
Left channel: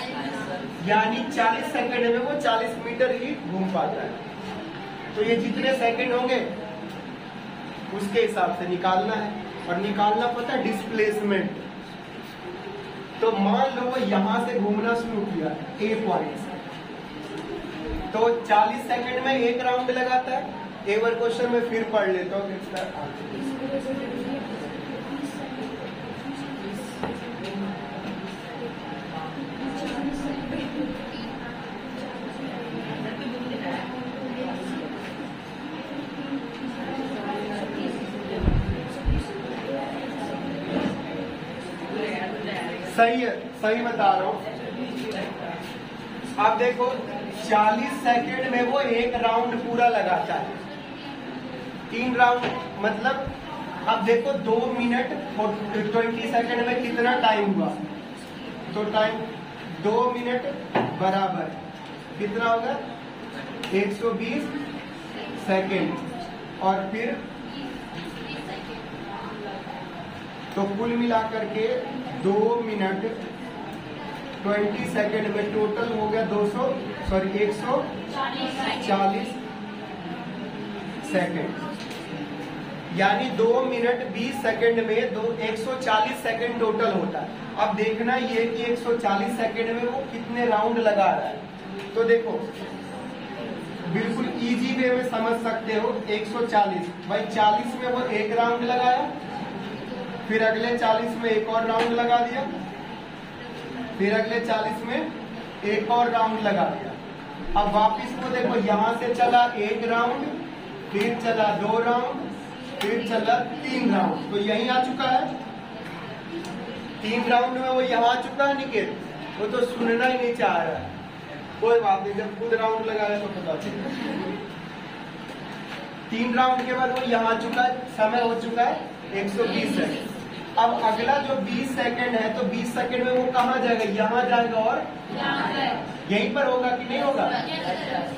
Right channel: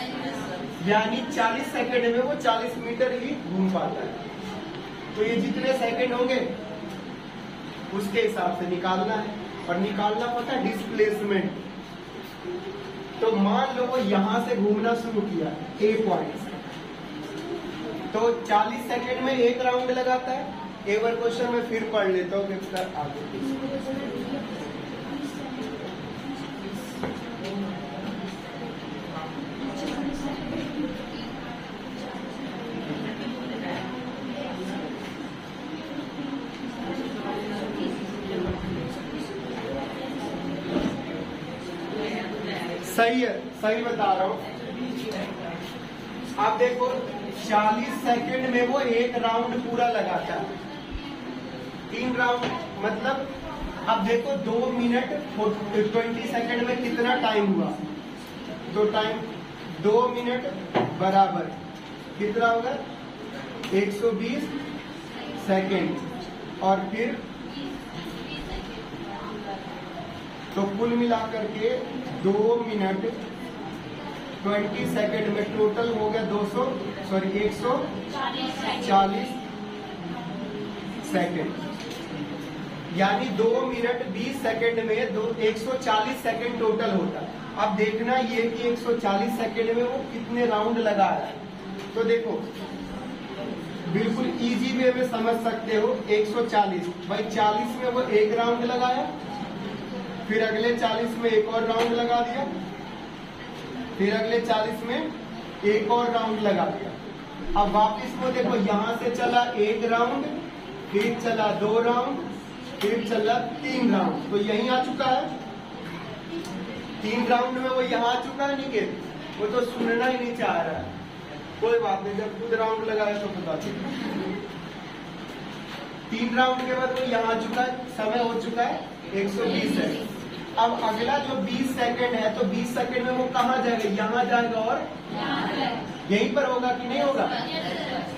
यानी 40 सेकंड में वो 40 मीटर ही घूम पाता है। तो ये जितने सेकंड होंगे उसके हिसाब से निकालना है, और निकालना पता है डिस्प्लेसमेंट। तो मान लो वो यहां से घूमना शुरू किया ए पॉइंट से, तो 40 सेकंड में एक राउंड लगाता है। एक बार क्वेश्चन में फिर पढ़ लेता हूँ। सही है, सही बता रहा हूँ। आप देखो 40 सेकंड में वो एक राउंड पूरा लगाता है, 3 राउंड मतलब अब देखो 2 मिनट 20 सेकंड में कितना टाइम हुआ, तो टाइम 2 मिनट बराबर कितना होगा 120 सेकंड, और फिर तो कुल मिलाकर के 2 मिनट 20 सेकंड में टोटल हो गया 140 सेकंड, यानी 2 मिनट 20 सेकंड में 140 सेकंड टोटल होता है। अब देखना ये कि 140 सेकंड में वो कितने राउंड लगा रहा है। तो देखो बिल्कुल इजी वे में समझ सकते हो, 140 भाई 40 में वो एक राउंड लगाया, फिर अगले 40 में एक और राउंड लगा दिया, फिर अगले 40 में एक और राउंड लगा दिया। अब वापिस वो देखो यहां से चला 1 राउंड, फिर चला 2 राउंड, फिर चला 3 राउंड, तो यही आ चुका है 3 राउंड में वो यहाँ आ चुका है निकेत, वो तो सुनना ही नहीं चाह रहा है। कोई बात नहीं, जब खुद राउंड लगाया तो पता चलेगा। 3 राउंड के बाद वो यहाँ आ चुका है, समय हो चुका है 120 सेकंड। अब अगला जो 20 सेकंड है, तो 20 सेकंड में वो कहाँ जाएगा, यहाँ जाएगा और यहीं पर होगा कि नहीं होगा,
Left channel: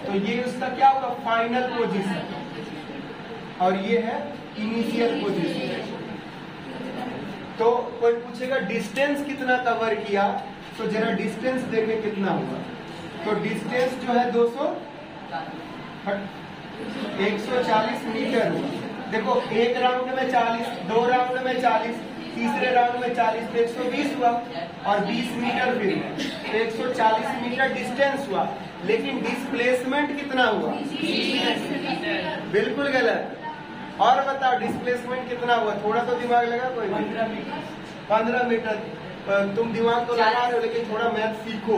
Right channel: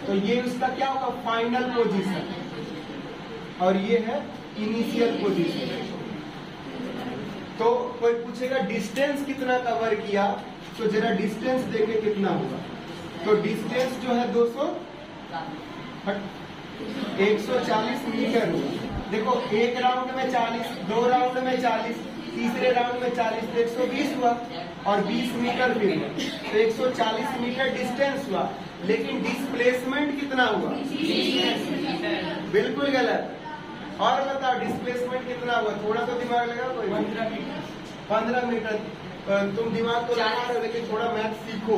तो ये उसका क्या होगा फाइनल पोजीशन, और ये है इनिशियल पोजीशन। तो कोई पूछेगा डिस्टेंस कितना कवर किया, तो जरा डिस्टेंस देखें कितना होगा। तो डिस्टेंस जो है 140 मीटर हुआ। देखो 1 राउंड में 40, 2 राउंड में 40, तीसरे राउंड में 40, तो 120 हुआ, और 20 मीटर फिर तो 140 मीटर डिस्टेंस हुआ, लेकिन डिस्प्लेसमेंट कितना हुआ, बिल्कुल गलत। और बताओ डिस्प्लेसमेंट कितना हुआ, थोड़ा तो दिमाग लगा, 15 मीटर। तुम दिमाग तो लगा रहे हो, लेकिन थोड़ा मैथ सीखो।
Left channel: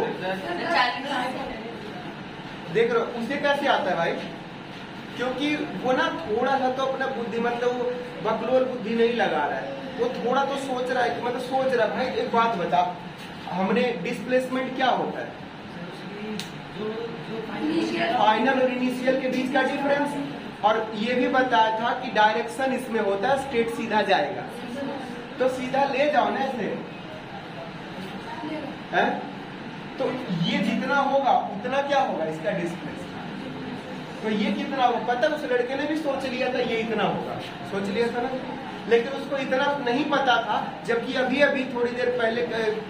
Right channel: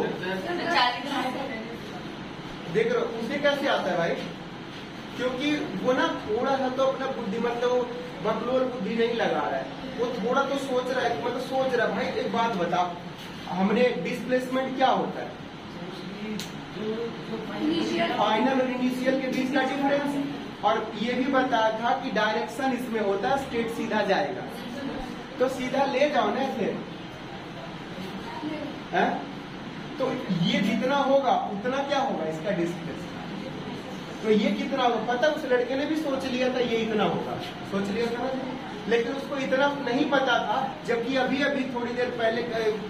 देख रहे हो उसे कैसे आता है भाई, क्योंकि वो ना थोड़ा सा तो अपना बुद्धि मतलब बकलोल बुद्धि नहीं लगा रहा है, वो थोड़ा तो सोच रहा है, मतलब सोच रहा है। भाई एक बात बता, हमने डिस्प्लेसमेंट क्या होता है, फाइनल और इनिशियल के बीच का डिफरेंस, और ये भी बताया था कि डायरेक्शन इसमें होता है स्ट्रेट सीधा जाएगा, तो सीधा ले जाओ ना ऐसे है? तो ये जितना होगा उतना क्या होगा इसका डिस्प्लेसमेंट, तो ये कितना होगा पता, उस लड़के ने भी सोच लिया था ये इतना होगा, सोच लिया था, लेकिन उसको इतना नहीं पता था, जबकि अभी अभी थोड़ी देर पहले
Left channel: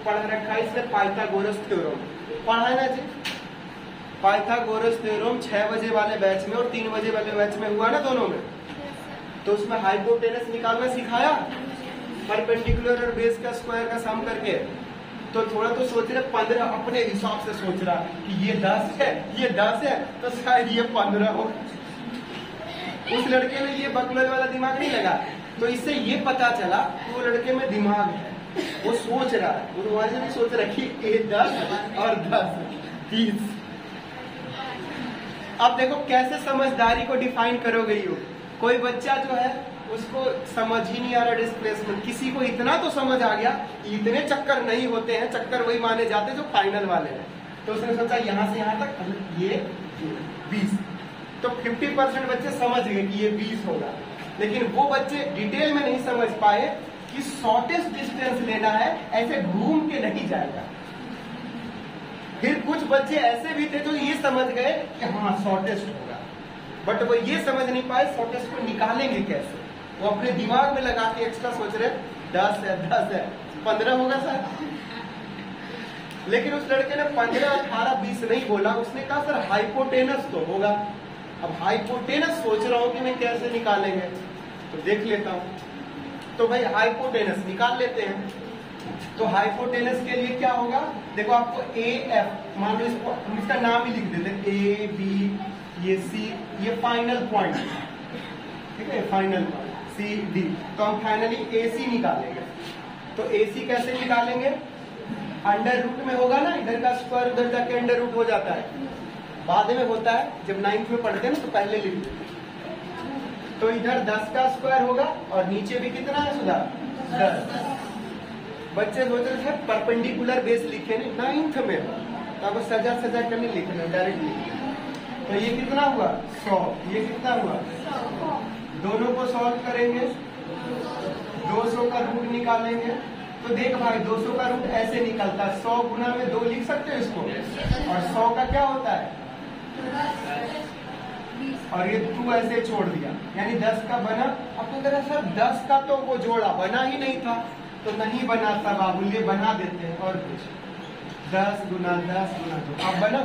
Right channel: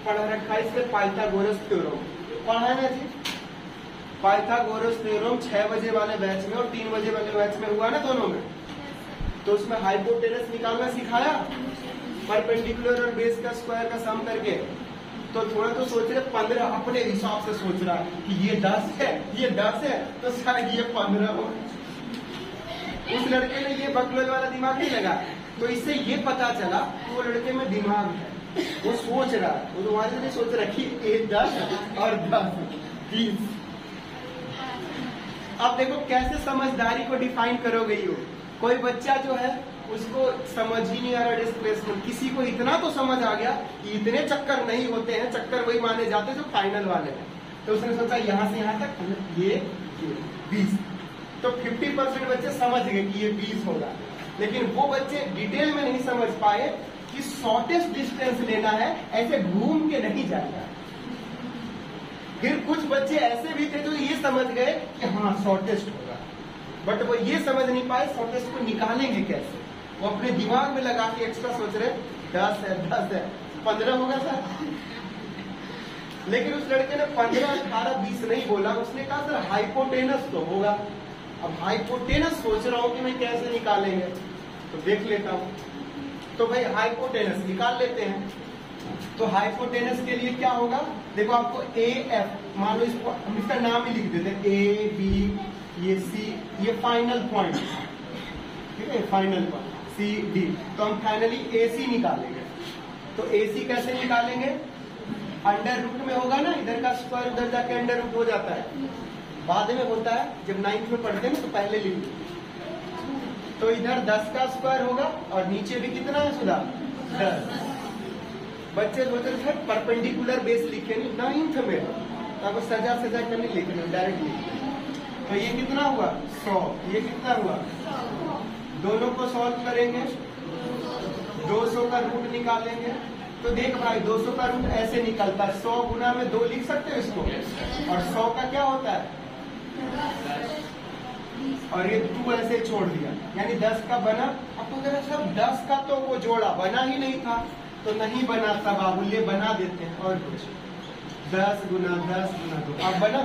पढ़ा रखा है इसने पाइथागोरस थ्योरम पढ़ा है ना जी। पाइथागोरस थ्योरम 6 बजे वाले बैच में और 3 बजे वाले बैच में हुआ ना दोनों में, तो उसमें हाइपोटेनस निकालना सिखाया, परपेंडिकुलर और बेस का स्क्वायर का सम करके। तो थोड़ा तो सोच रहे 15, अपने हिसाब से सोच रहा कि ये 10 है, ये 10 है, तो शायद ये 15 हो। उस लड़के ने ये बकलर वाला दिमाग नहीं लगा, तो इससे ये पता चला वो लड़के में दिमाग है, वो सोच रहा है, वो तुम्हारे नहीं सोच रहा कि ये 10 और 10 20। अब देखो कैसे समझदारी को डिफाइन करोगे यू। कोई बच्चा जो है उसको समझ ही नहीं आ रहा डिस्प्लेसमेंट, किसी को इतना तो समझ आ गया, इतने चक्कर नहीं होते हैं, चक्कर वही माने जाते जो फाइनल वाले हैं। तो उसने सोचा यहाँ से यहाँ तक ये 20, तो 50% बच्चे समझ गए कि ये 20 होगा, लेकिन वो बच्चे डिटेल में नहीं समझ पाए कि शॉर्टेस्ट डिस्टेंस लेना है, ऐसे घूम के नहीं जाएगा। फिर कुछ बच्चे ऐसे भी थे जो ये समझ गए कि हाँ शॉर्टेस्ट होगा, बट वो ये समझ नहीं पाए शॉर्टेस्ट को निकालेंगे कैसे। वो अपने दिमाग में लगा के एक्स्ट्रा सोच रहे 10 है 10 है 15 होगा सर, लेकिन उस लड़के ने 15, 18, 20 नहीं बोला, उसने कहा सर हाइपोटेनस तो होगा। अब हाइपोटेनस सोच रहा हूं कि मैं कैसे निकालेंगे, तो देख लेता हूं। तो भाई हाइपोटेनस निकाल लेते हैं। तो हाइपोटेनस के लिए क्या होगा, देखो आपको ए एफ मान लो, इसका नाम ही लिख देते, ए बी ये सी, ये फाइनल पॉइंट, ठीक है, फाइनल पॉइंट सी डी। तो हम फाइनली ए सी निकालेंगे। तो ए सी कैसे निकालेंगे, अंडर रूट में होगा ना, इधर का स्क्वायर उधर जाके अंडर रूट हो जाता है, बाद में होता है जब 9th में पढ़ते हैं तो पहले लिख दो। तो इधर 10 का स्क्वायर होगा और नीचे भी कितना है सुधा 10। बच्चे सोचते सर परपेंडिकुलर बेस लिखे नहीं, 9th में आपको सजा करने लिखना डायरेक्टली। तो ये कितना हुआ 100, ये कितना हुआ, दोनों को सॉल्व करेंगे, 200 का रूट निकालेंगे। तो देख भाई 200 का रूट ऐसे निकलता है, 100 गुना में 2 लिख सकते हो इसको, और 100 का क्या होता है, और ये 2 ऐसे छोड़ दिया, यानी 10 का बना। अब तो जरा सर 10 का तो वो जोड़ा बना ही नहीं था, तो नहीं बनाता बाबुल्य, बना देते हैं और कुछ 10 गुना 2। अब बना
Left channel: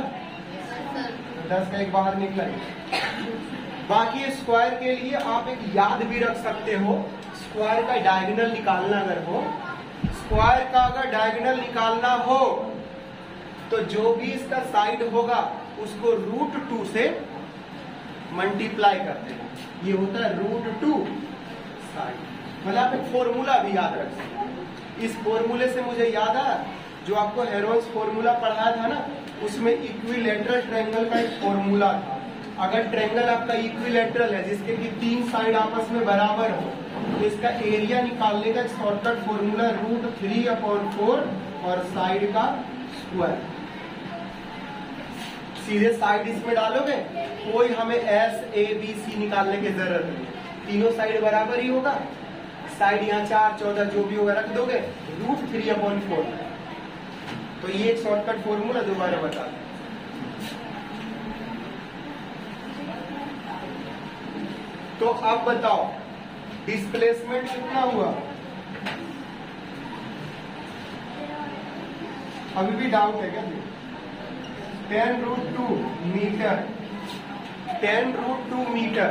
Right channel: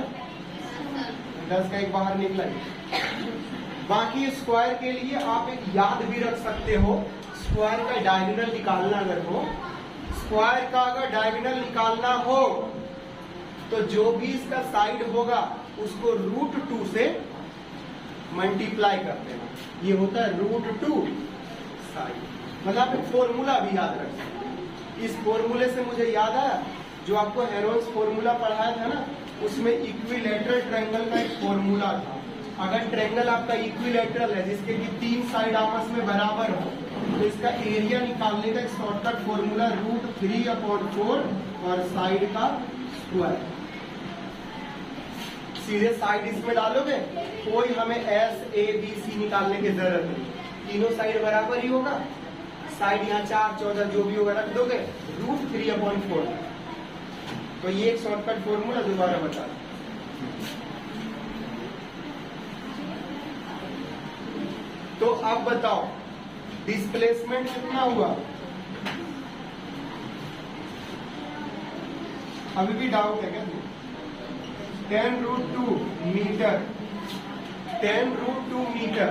10 का एक बाहर निकला। बाकी स्क्वायर के लिए आप एक याद भी रख सकते हो, स्क्वायर का डायगोनल निकालना अगर हो, स्क्वायर का अगर डायगोनल निकालना हो तो जो भी इसका साइड होगा उसको √2 से मल्टीप्लाई करते हैं, ये होता है √2 साइड। मतलब आप एक फॉर्मूला भी याद रख सकते हैं। इस फॉर्मूले से मुझे याद आया, जो आपको हेरोल्ड्स फॉर्मूला पढ़ाया था ना, उसमें इक्विलैटरल ट्रायंगल का एक फॉर्मूला था। अगर ट्रायंगल आपका इक्विलैटरल है जिसके कि 3 साइड आपस में बराबर हो, तो इसका एरिया निकालने का एक शॉर्टकट फॉर्मूला √3/4 और साइड का स्क्वायर। सीधे साइड इसमें डालोगे, कोई हमें SABC निकालने की जरूरत नहीं, तीनों साइड बराबर ही होगा। साइड यहाँ 4, 14 जो भी होगा रख दोगे, √3/4। तो ये एक शॉर्टकट फॉर्मूला जो बारे बता। तो अब बताओ डिस्प्लेसमेंट कितना हुआ, अभी भी डाउट है क्या? 10√2 मीटर, 10√2 मीटर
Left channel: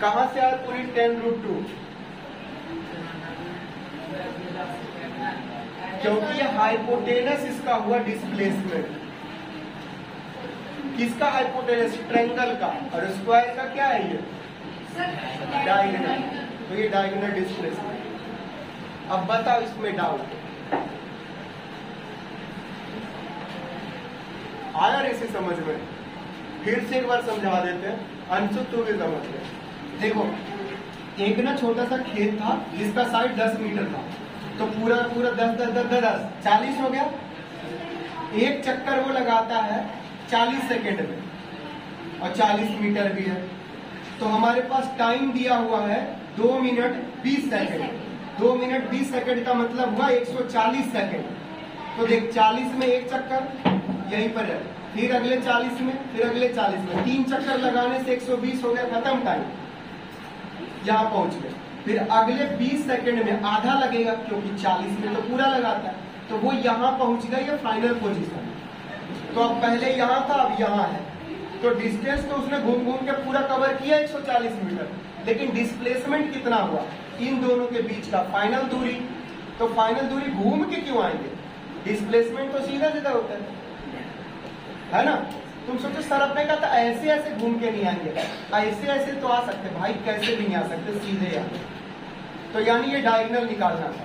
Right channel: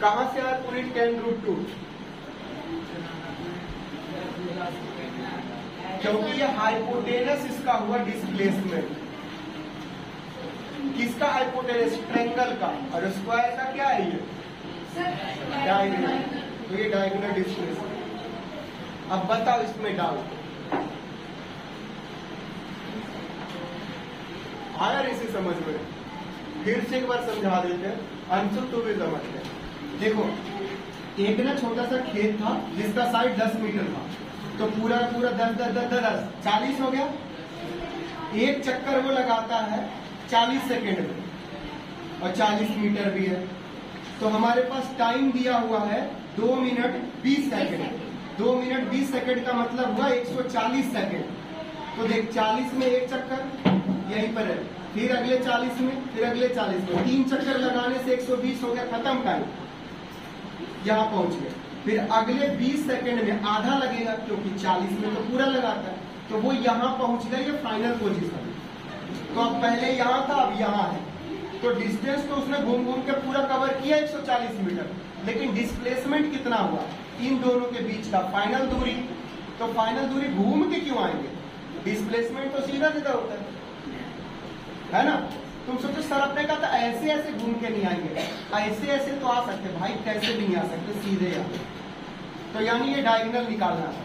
कहां से आया पूरी 10√2? क्योंकि ये हाइपोटेनस इसका हुआ डिस्प्लेसमेंट। किसका हाइपोटेनस? ट्रायंगल का। और स्क्वायर का क्या है ये? डायगोनल। तो ये डायगोनल डिस्प्लेसमेंट। अब बताओ इसमें डाउट आया इसे समझ में? फिर से एक बार समझा देते हैं, अंशु तू भी समझ गए। देखो एक ना छोटा सा खेत था जिसका साइड 10 मीटर था, तो पूरा 10 40 हो गया। एक चक्कर वो लगाता है 40 सेकेंड में, और 40 मीटर भी है। तो हमारे पास टाइम दिया हुआ है 2 मिनट 20 सेकेंड। 2 मिनट 20 सेकेंड का मतलब हुआ 140 सेकेंड। तो देख 40 में एक चक्कर यहीं पर है, फिर अगले 40 में, फिर अगले 40 में, 3 चक्कर लगाने से 120 हो गया, खत्म टाइम, यहाँ पहुंच गए। फिर अगले 20 सेकेंड में आधा लगेगा, क्योंकि 40 में तो पूरा लगाता है, तो वो यहाँ पहुंच गया, ये फाइनल पोजीशन। तो अब पहले यहाँ था, अब यहाँ है। तो डिस्टेंस तो उसने घूम घूम के पूरा कवर किया 140 मीटर, लेकिन डिस्प्लेसमेंट कितना हुआ इन दोनों के बीच का? फाइनल दूरी। तो फाइनल दूरी घूम के क्यों आएंगे? डिस्प्लेसमेंट तो सीधा सीधा होता है ना? तुम सोचो सर अपने का तो ऐसे ऐसे घूम के नहीं आएंगे, ऐसे ऐसे तो आ सकते भाई, कैसे भी नहीं आ सकते, सीधे आते। तो यानी ये डायगोनल निकालना था।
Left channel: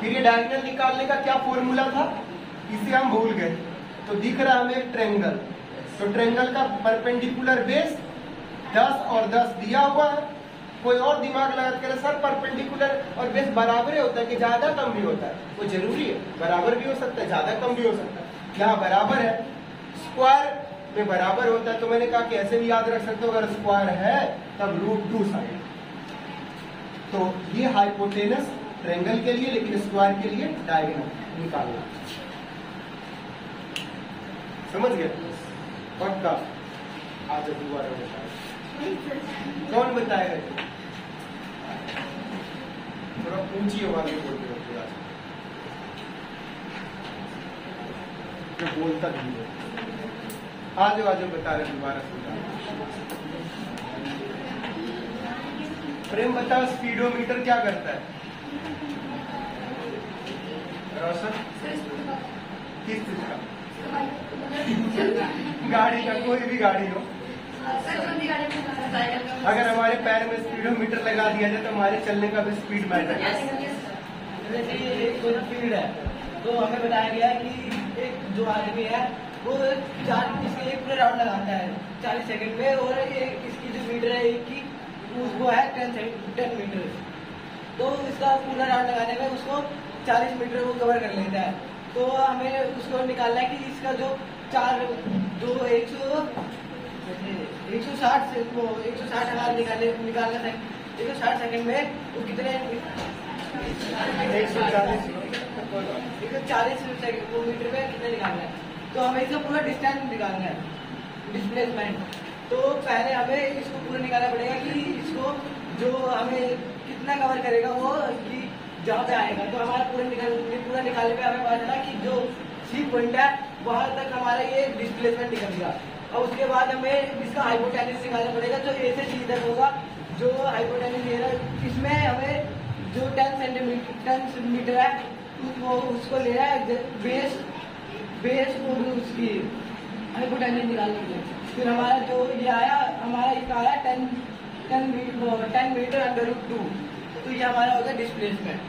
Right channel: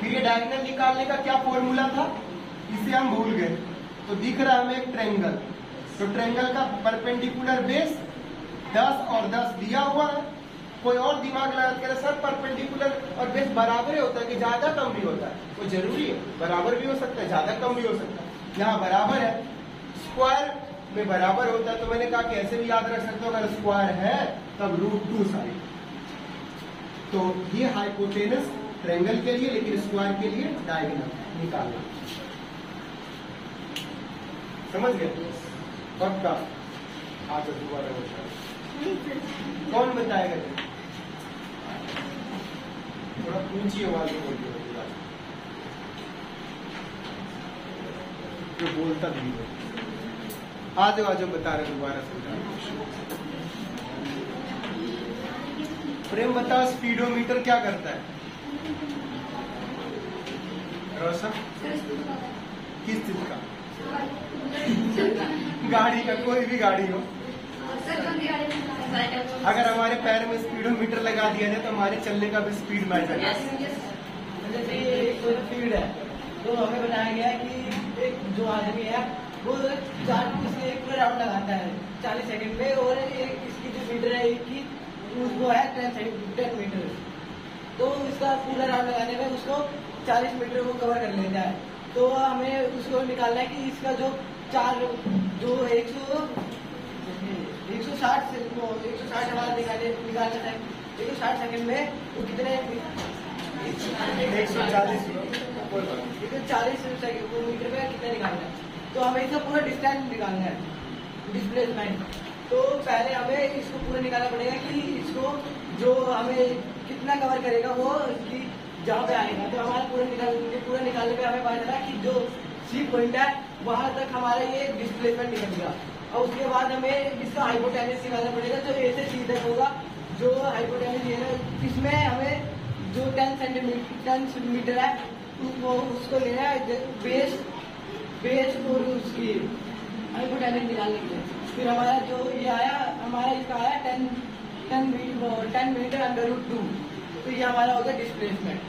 फिर ये डायगोनल निकालने का क्या फॉर्मूला था, इसे हम भूल गए। तो दिख रहा है हमें एक ट्रायंगल, तो ट्रायंगल का परपेंडिकुलर बेस 10 और 10 दिया हुआ है। कोई और दिमाग लगा करे सर परपेंडिकुलर और बेस बराबर होता है कि ज्यादा कम भी होता है? वो जरूरी है, बराबर भी हो सकता है, ज्यादा कम भी हो सकता है। यहाँ बराबर है, स्क्वायर में बराबर होता है, तो मैंने कहा कि ऐसे भी याद रख सकते हो, अगर स्क्वायर है तब √2 साइड। तो ये हाइपोटेनस ट्रायंगल के लिए, लेकिन स्क्वायर के लिए डायगोनल निकालना। समझ गए? पक्का? आज दोबारा कौन बताएगा? थोड़ा ऊंची आवाज में बोलते हो, जो बोलता नहीं है। आज बता रहे दोबारा समझा। प्रेम बताओ स्पीडोमीटर क्या करता है? रोशन किस चीज का? गाड़ी का, कोई भी गाड़ी हो। अगर हमारे पैर में स्पीडोमीटर लगा दिया जाए तो हमारे चलने का भी स्पीड बढ़ जाएगा। जैसे एक स्पीड है, तो हमें बताया गया कि एक जो आदमी है वो 1 राउंड लगाता है 40 सेकंड में, और इसकी जो मीटर है वो है 10 मीटर। तो इसका पूरा राउंड लगाने में उसको इसको 40 मीटर को कवर कर लेता है। तो हमें उसको निकालना है कि इसका जो 160 से वो 160 निकालना था 160 सेकंड में तो कितने 140 मीटर में कितने निकालना है। तो हमें इसका पूरा डिस्टेंस निकालना है, डिस्प्लेसमेंट। तो पहले हमें इसको पूरा निकालना पड़ेगा कि इसको जो हमें कितना कवर करेगा वो कि जहाँ पे आएगा। तो हमारा पूरा निकालने पे हमें पता चला कि जो सी पॉइंट है वहां तक हमारा ये डिस्प्लेसमेंट निकलेगा। और उसके बाद हमें इसका हाइपोटेन्यूज निकालना पड़ेगा जो ए से सी तक होगा। जो हाइपोटेन्यूज है इसमें हमें जो 10 सेंटीमीटर है वो उसको लेना है बेस और उसकी हाइपोटेन्यूज निकालने के लिए। फिर हमारा जो ये आया हमारा ये आया 10 मीटर √2। तो ये हमारा होगा डिस्प्लेसमेंट।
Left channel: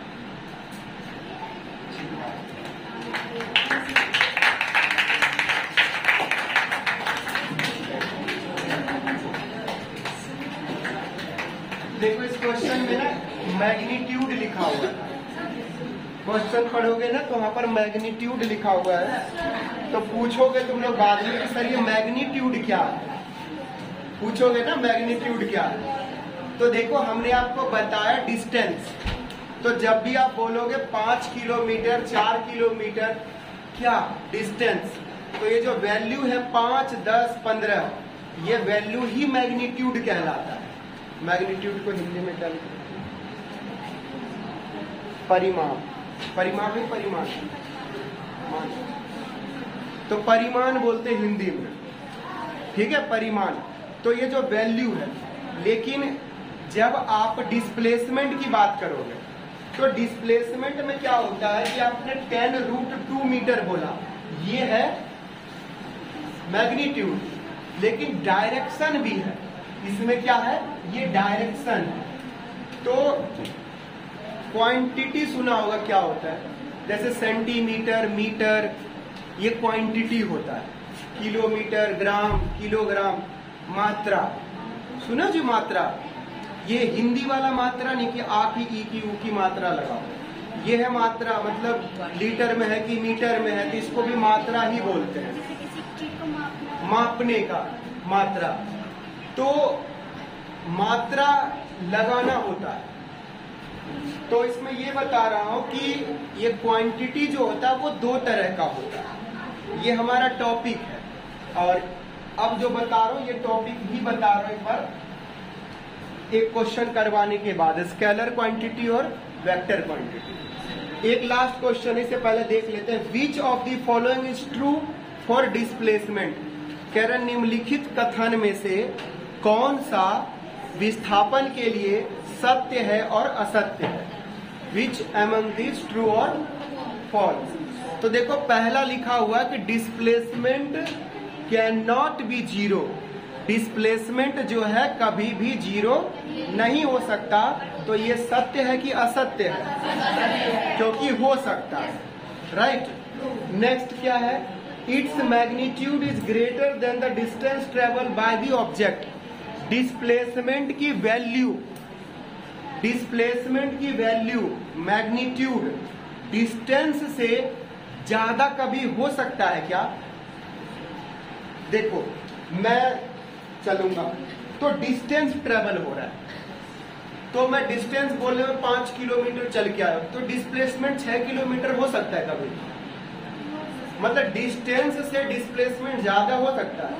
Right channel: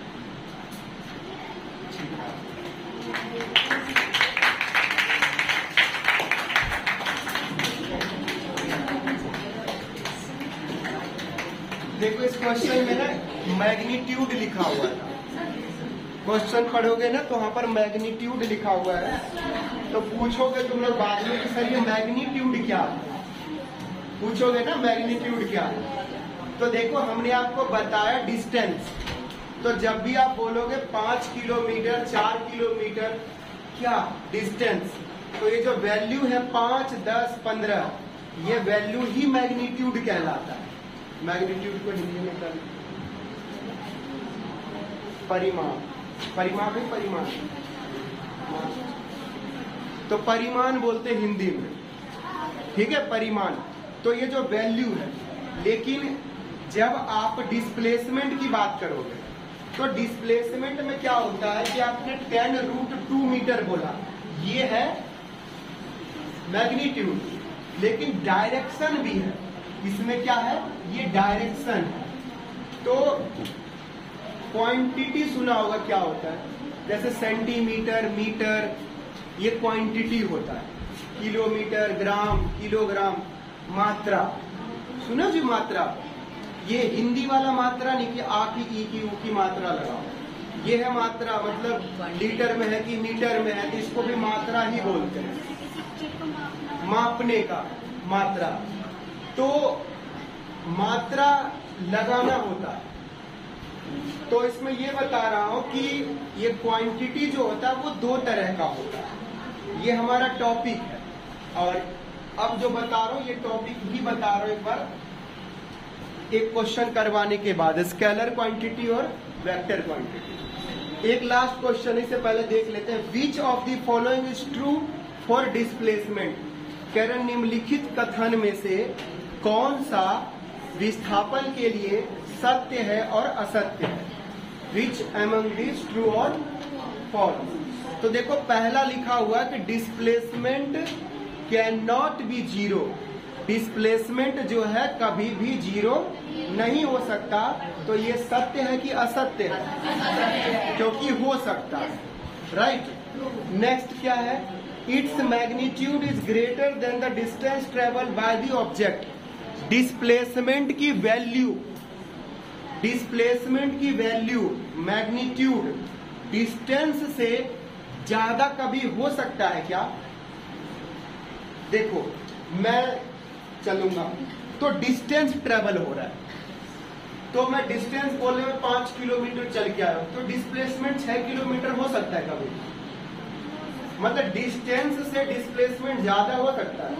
देखो इस क्वेश्चन में ना मैग्नीट्यूड लिखा हुआ है। क्वेश्चन पढ़ोगे ना तो वहां पर मैग्नीट्यूड लिखा हुआ है। तो पूछोगे तुम लोग बाद में कि सर ये मैग्नीट्यूड क्या है, पूछोगे ना मैग्नीट्यूड क्या है। तो देखो हमने आपको बताया डिस्टेंस। तो जब भी आप बोलोगे 5 किलोमीटर 4 किलोमीटर क्या डिस्टेंस, तो ये जो वैल्यू है 5, 10, 15 ये वैल्यू ही मैग्नीट्यूड कहलाता है। मैग्नीट्यूड को हिंदी में क्या परिमाण, परिमाण ही परिमाण। तो परिमाण बोलते हैं हिंदी में, ठीक है परिमाण। तो ये जो वैल्यू है, लेकिन जब आप डिस्प्लेसमेंट की बात करोगे तो डिस्प्लेसमेंट में क्या होता है कि आपने 10√2 मीटर बोला, ये है मैग्नीट्यूड। लेकिन डायरेक्शन भी है इसमें, क्या है ये डायरेक्शन है। तो क्वांटिटी सुना होगा क्या होता है, जैसे सेंटीमीटर, मीटर, ये क्वांटिटी होता है। किलोमीटर, ग्राम, किलोग्राम, मात्रा सुनो जी मात्रा। ये हिंदी वाला मात्रा नहीं कि आ की ई की ऊ की मात्रा लगाओ, ये है मात्रा। मतलब लीटर में है कि मीटर में है, तो इसको भी मात्रा ही बोलते हैं, मापने का मात्रा। तो मात्रा लगाना होता है। तो इसमें ये बता रहा हूं कि ये क्वांटिटी जो होता है वो 2 तरह का होता है। ये हमारा टॉपिक है और अब जो बता रहा हूं ये टॉपिक ही बता रहा हूं एक बार, एक क्वेश्चन करवाने के बाद, स्केलर क्वांटिटी और वेक्टर क्वांटिटी। एक लास्ट क्वेश्चन इससे पहले देख लेते हैं। Which of the following is true for displacement. कह रहे निम्नलिखित कथन में से कौन सा विस्थापन के लिए सत्य है और असत्य है। विच एमंग दिस ट्रू और फॉल्स। तो देखो पहला लिखा हुआ कि displacement can not be zero. Displacement जो है कभी भी जीरो नहीं हो सकता। तो ये सत्य है कि असत्य है, क्योंकि हो सकता है, राइट। नेक्स्ट क्या है, its magnitude is greater than the distance travel by the object. Displacement की वैल्यू मैग्नीट्यूड डिस्टेंस से ज्यादा कभी हो सकता है क्या। देखो मैं चलूंगा तो डिस्टेंस ट्रेवल हो रहा है, तो मैं डिस्टेंस बोलने में 5 किलोमीटर चल के आया, तो डिस्प्लेसमेंट 6 किलोमीटर हो सकता है कभी। मतलब डिस्टेंस से डिस्प्लेसमेंट ज्यादा हो सकता है,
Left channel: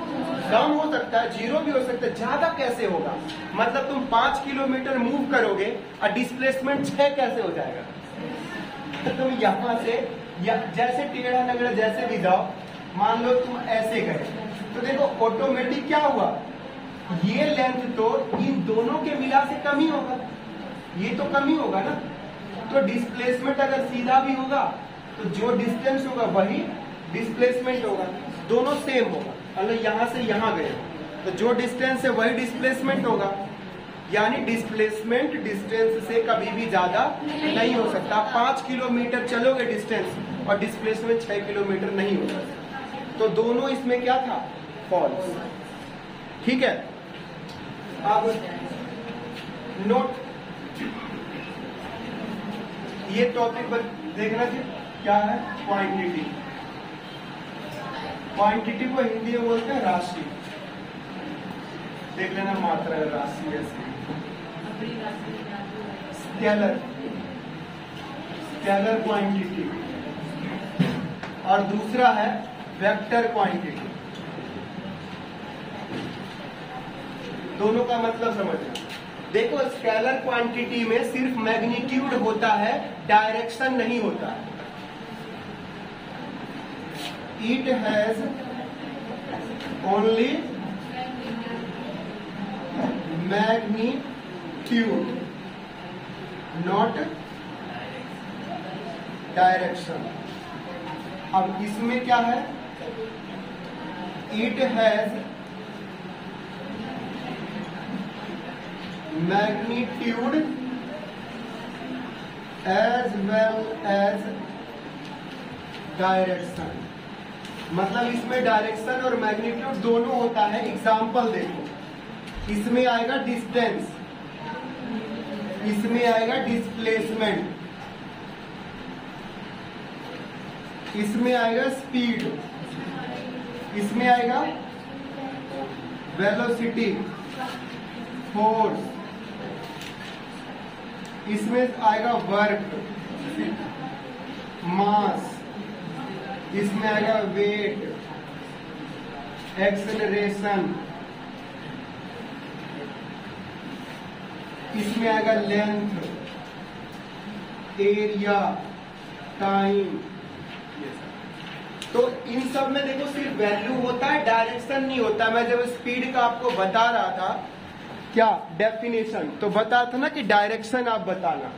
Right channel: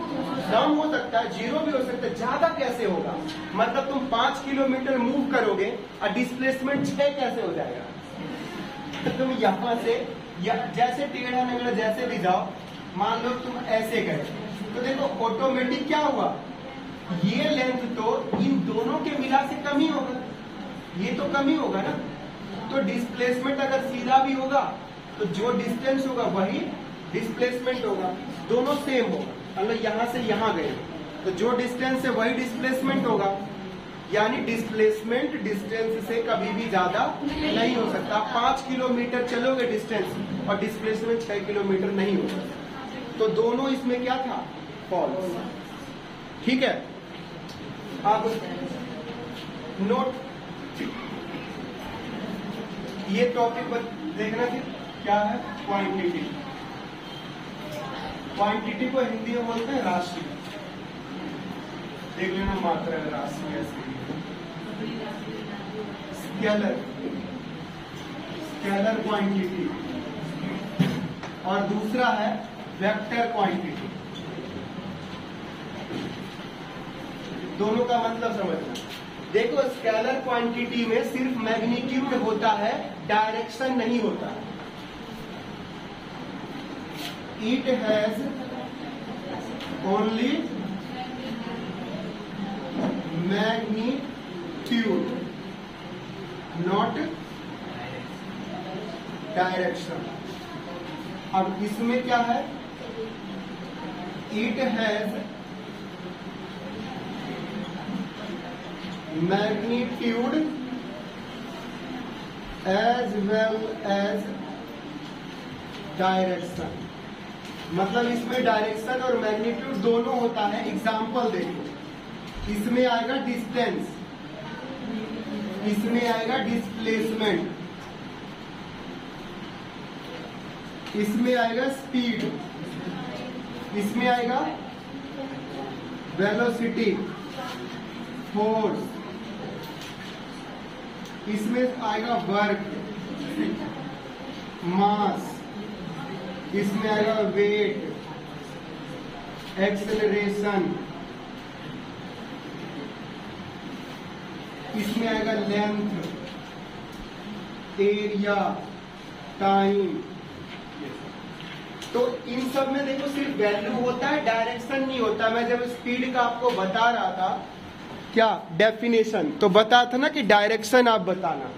कम हो सकता है, जीरो भी हो सकता है, ज्यादा कैसे होगा। मतलब तुम 5 किलोमीटर मूव करोगे और डिस्प्लेसमेंट 6 कैसे हो जाएगा। तो तुम यहां से जैसे टेढ़ा नगड़ा जैसे भी जाओ, मान लो तुम ऐसे गए, तो देखो ऑटोमेटिक क्या हुआ, ये लेंथ तो इन दोनों के मिला से कम ही होगा, ये तो कम ही होगा ना। तो डिस्प्लेसमेंट अगर सीधा भी होगा तो जो डिस्टेंस होगा वही डिस्प्लेसमेंट होगा, दोनों सेम होगा। मतलब यहां से यहां गए तो जो डिस्टेंस है वही डिस्प्लेसमेंट होगा। यानी डिस्प्लेसमेंट डिस्टेंस से कभी भी ज्यादा नहीं हो सकता। 5 किलोमीटर चलोगे डिस्टेंस और डिस्प्लेसमेंट 6 किलोमीटर नहीं होगा। तो दोनों इसमें क्या था, फॉल्स। ठीक है, अब नोट ये टॉपिक देखना कि क्या है क्वांटिटी। क्वांटिटी को हिंदी में बोलते हैं राशि। देख लेना मात्रा राशि है। स्केलर, स्केलर क्वांटिटी, और दूसरा है वेक्टर क्वांटिटी। दोनों का मतलब समझो। देखो स्केलर क्वांटिटी में सिर्फ मैग्नीट्यूड होता है, डायरेक्शन नहीं होता। It has only magnitude not direction. अब इसमें क्या है, it has magnitude as well as direction. मतलब इसमें डायरेक्शन और मैग्नीट्यूड दोनों होता है। एग्जाम्पल देखो, इसमें आएगा डिस्टेंस, इसमें आएगा डिस्प्लेसमेंट, इसमें आएगा स्पीड, इसमें आएगा वेलोसिटी, फोर्स, इसमें आएगा वर्क, मास, इसमें आएगा वेट, एक्सेलरेशन, इसमें आएगा लेंथ, एरिया, टाइम। तो इन सब में देखो सिर्फ वैल्यू होता है, डायरेक्शन नहीं होता। मैं जब स्पीड का आपको बता रहा था क्या डेफिनेशन, तो बता था ना कि डायरेक्शन आप बताना।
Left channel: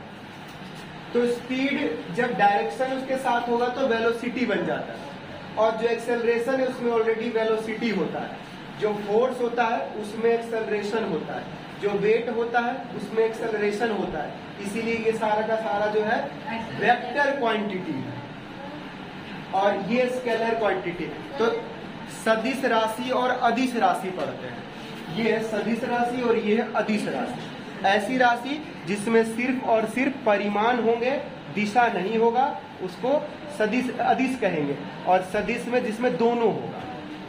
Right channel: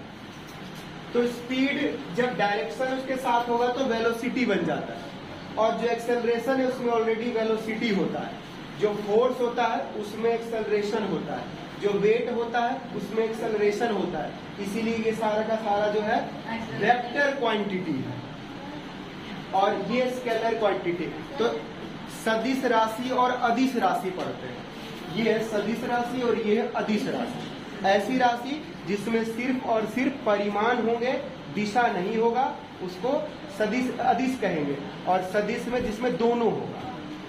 तो स्पीड जब डायरेक्शन उसके साथ होगा तो वेलोसिटी बन जाता है, और जो एक्सेलरेशन है उसमें ऑलरेडी वेलोसिटी होता है। जो फोर्स होता है उसमें एक्सेलरेशन होता है, जो वेट होता है उसमें एक्सेलरेशन होता है। इसीलिए ये सारा का सारा जो है वेक्टर क्वांटिटी है, और ये स्केलर क्वांटिटी। तो सदिश राशि और अदिश राशि पढ़ते हैं। ये है सदिश राशि और ये है अदिश राशि। ऐसी राशि जिसमें सिर्फ और सिर्फ परिमाण होंगे, दिशा नहीं होगा, उसको सदिश अदिश कहेंगे। और सदिश में जिसमें दोनों होगा,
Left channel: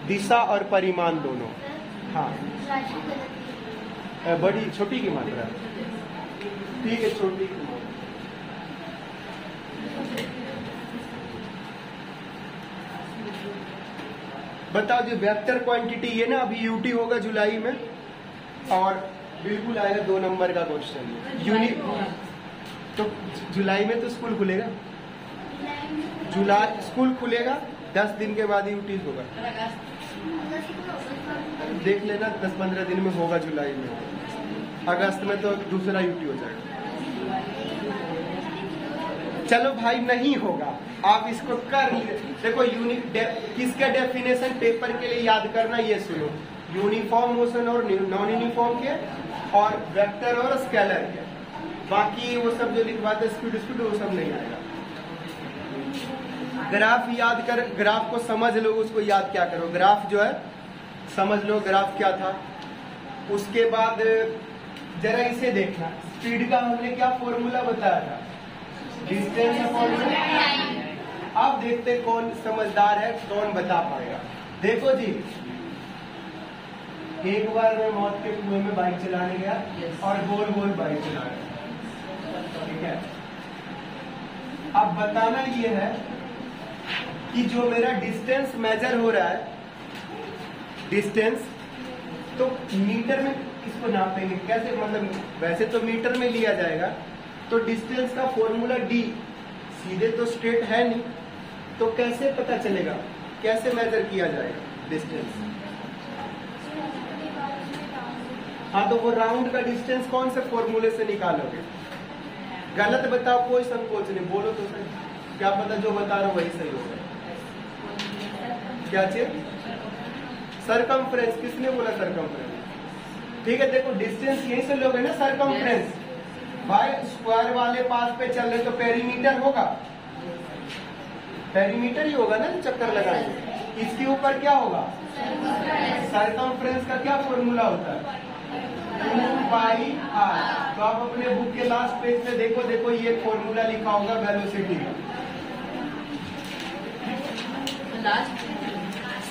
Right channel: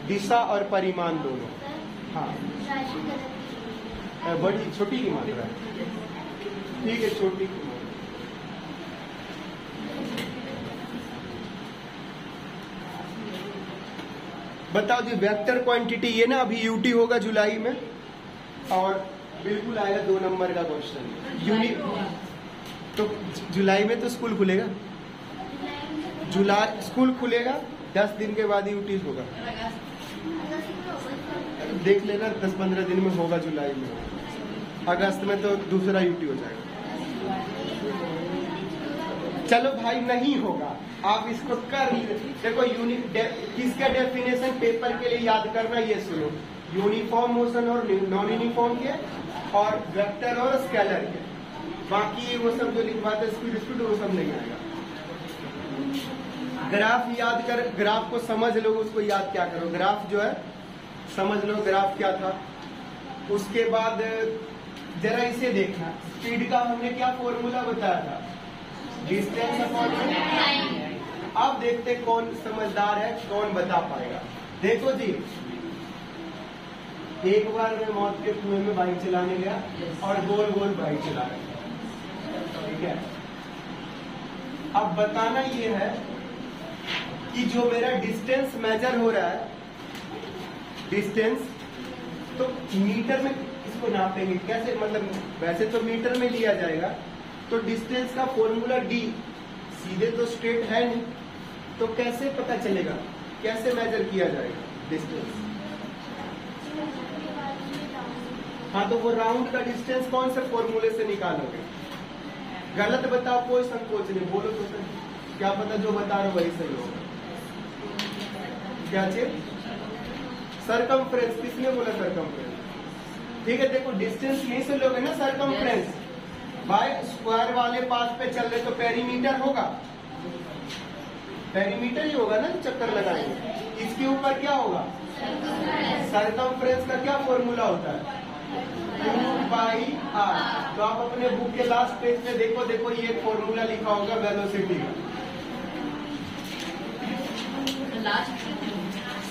दिशा और परिमाण दोनों। हाँ, बड़ी छोटी की मात्रा, ठीक है, छोटी की मात्रा। बताओ जो वेक्टर क्वांटिटी, ये ना अभी यूटी होगा जुलाई में, और बिल्कुल आएगा 2 नंबर का क्वेश्चन यूनिट। तो जुलाई में तो स्कूल खुलेगा, जुलाई स्कूल खुलेगा, 10 दिन के बाद यूटी होगा। देख लेना 10-15 दिन में होगा जुलाई में। अगस्त में तो दूसरा यूटी हो जाएगा। चलो भाई नहीं होगा, आप इसको कर देखो। यूनिट किसका डेफिनेशन पेपर के लिए याद करना, ये सुनो। यूनिफॉर्म मोशन और नॉन यूनिफॉर्म के, और वेक्टर और स्केलर के। बाकी वो सब जो लिखवाते स्पीड वो सब नहीं आएगा। ग्राफ याद कर, ग्राफ को समझ लो, उसको याद क्या करो। ग्राफ जो है समझ लो ग्राफ क्या था। उसके बाद जरा इसे देखना, स्पीड का हमने क्या फॉर्मूला बताया था, डिस्टेंस अपॉन टाइम। अब देखते कौन समझदार है, कौन बता पाएगा। देखो जी, एक बार मैं मौत के कुएं में बाइक चलाने गया और गोल गोल बाइक चला रहा, ठीक है। अब बताना ये है कि जो मेरा डिस्टेंस मेजर हो रहा है, डिस्टेंस तो मीटर में इसको नापेंगे कैसे, मतलब वैसे तो मीटर में लिया जाएगा। तो डिस्टेंस का फॉर्मूला डी, सीधे तो स्ट्रेट है नहीं, तो कैसे पता चलेगा, कैसे मेजर किया जाएगा डिस्टेंस। हाँ, तो वो राउंड का डिस्टेंस कौन से फॉर्मूले से निकालोगे। गलत बताओ, कोई संकोच नहीं, बोलो तो सर। क्या पता जो बता रहा हूँ वही सही होगा। क्या चीज, सरकमफ्रेंस। किसने बोला सरकमफ्रेंस, ठीक है। देखो डिस्टेंस यही से लोगे ना, सरकमफ्रेंस। भाई स्क्वायर वाले पास पे चल रहे तो पेरीमीटर होगा, पेरीमीटर ही होगा ना चक्कर लगाएंगे। इसके ऊपर क्या होगा, सरकमफ्रेंस का क्या फॉर्मूला होता है, 2πr। तो आप अपने बुक के लास्ट पेज में देखो ये फॉर्मूला लिखा होगा वेलोसिटी का,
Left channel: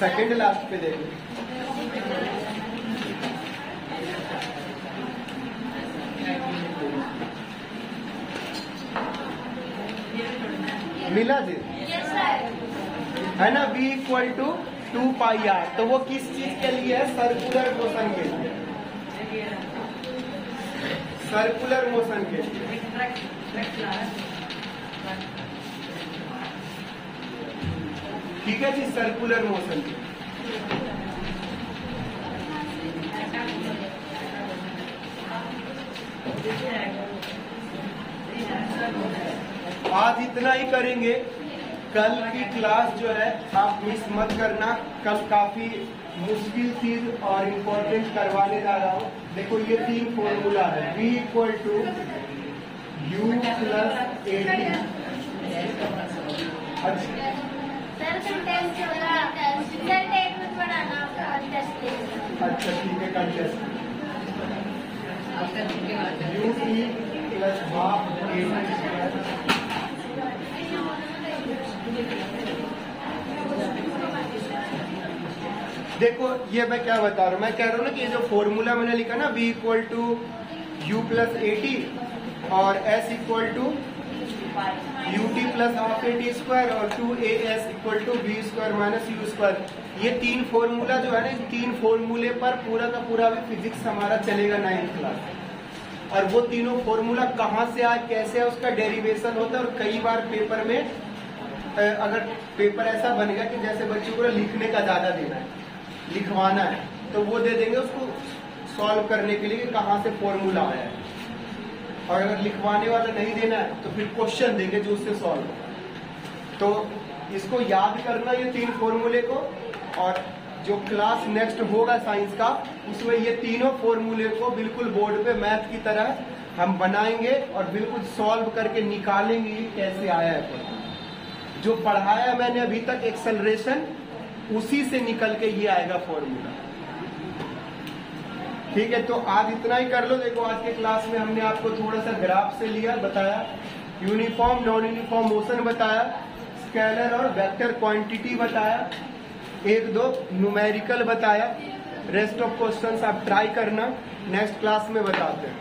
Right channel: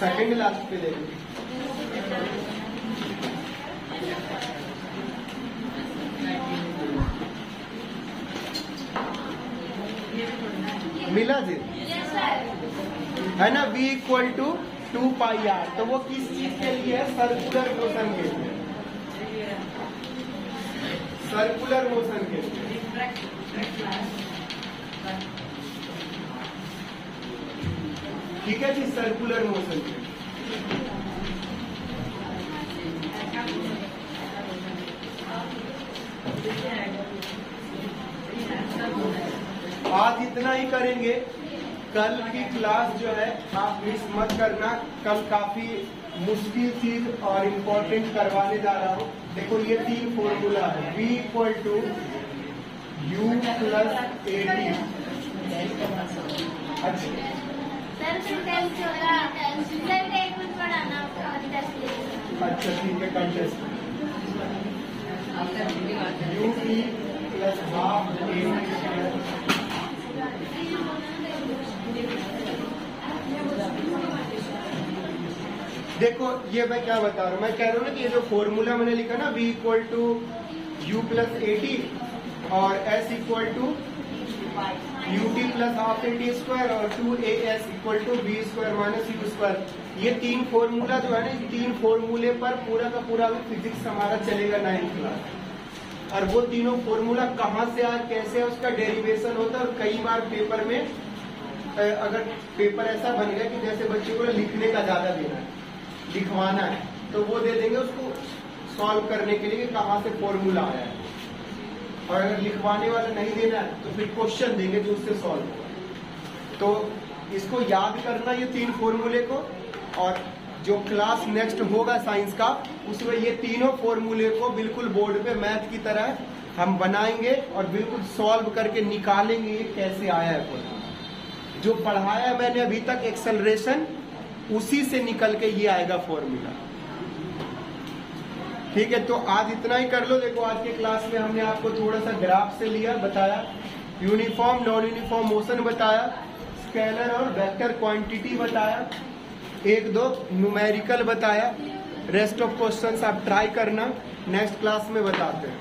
सेकंड लास्ट पे देखो। मिला जी, है ना, v = 2πr। तो वो किस चीज के लिए है? सर्कुलर मोशन के लिए, सर्कुलर मोशन के लिए। ठीक है जी, सर्कुलर मोशन के लिए। आज इतना ही करेंगे। कल की क्लास जो है आप मिस मत करना, कल काफी मुश्किल चीज और इम्पोर्टेंट करवाने जा रहा हूँ। देखो ये 3 फॉर्मूला है, v = u + 80। अच्छा सर कंटेंट होगा, सर डेट में पढ़ाना कंटेस्ट। अच्छा ठीक है, कंटेस्ट u + ½ देखो ये मैं क्या बता रहा हूँ, मैं कह रहा हूँ ना कि ये जो फॉर्मूला मैंने लिखा ना, v = u + 80 और s = ut + ½ at² और 2as = v² - u²। ये 3 फॉर्मूला जो है ना, इस 3 फॉर्मूले पर पूरा का पूरा फिजिक्स हमारा चलेगा 9th क्लास। और वो तीनों फॉर्मूला कहाँ से आए, कैसे है, उसका डेरिवेशन होता है। और कई बार पेपर में अगर पेपर ऐसा बन गया कि जैसे बच्चे को लिखने का ज्यादा देना है, लिखवाना है, तो वो दे देंगे उसको सॉल्व करने के लिए कि कहाँ से फॉर्मूला आया है। और अगर लिखवाने वाला नहीं देना है तो फिर क्वेश्चन देंगे जो उससे सॉल्व। तो इसको याद करना ये 3 फॉर्मूले को, और जो क्लास नेक्स्ट होगा साइंस का उसमें ये तीनों फॉर्मूले को बिल्कुल बोर्ड पे मैथ की तरह हम बनाएंगे और बिल्कुल सॉल्व करके निकालेंगे कैसे आया है। जो पढ़ाया मैंने अभी तक एक्सेलरेशन, उसी से निकल के ये आएगा फॉर्मूला। ठीक है, तो आज इतना ही कर लो। देखो आज की क्लास में हमने आपको थोड़ा सा ग्राफ से लिया, बताया, यूनिफॉर्म नॉन यूनिफॉर्म मोशन बताया, स्केलर और वेक्टर क्वांटिटी बताया, 1-2 न्यूमेरिकल बताया। रेस्ट ऑफ क्वेश्चंस आप ट्राई करना, नेक्स्ट क्लास में बताते हैं।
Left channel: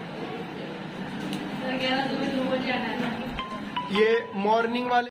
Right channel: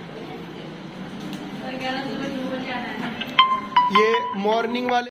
ये मॉर्निंग वाले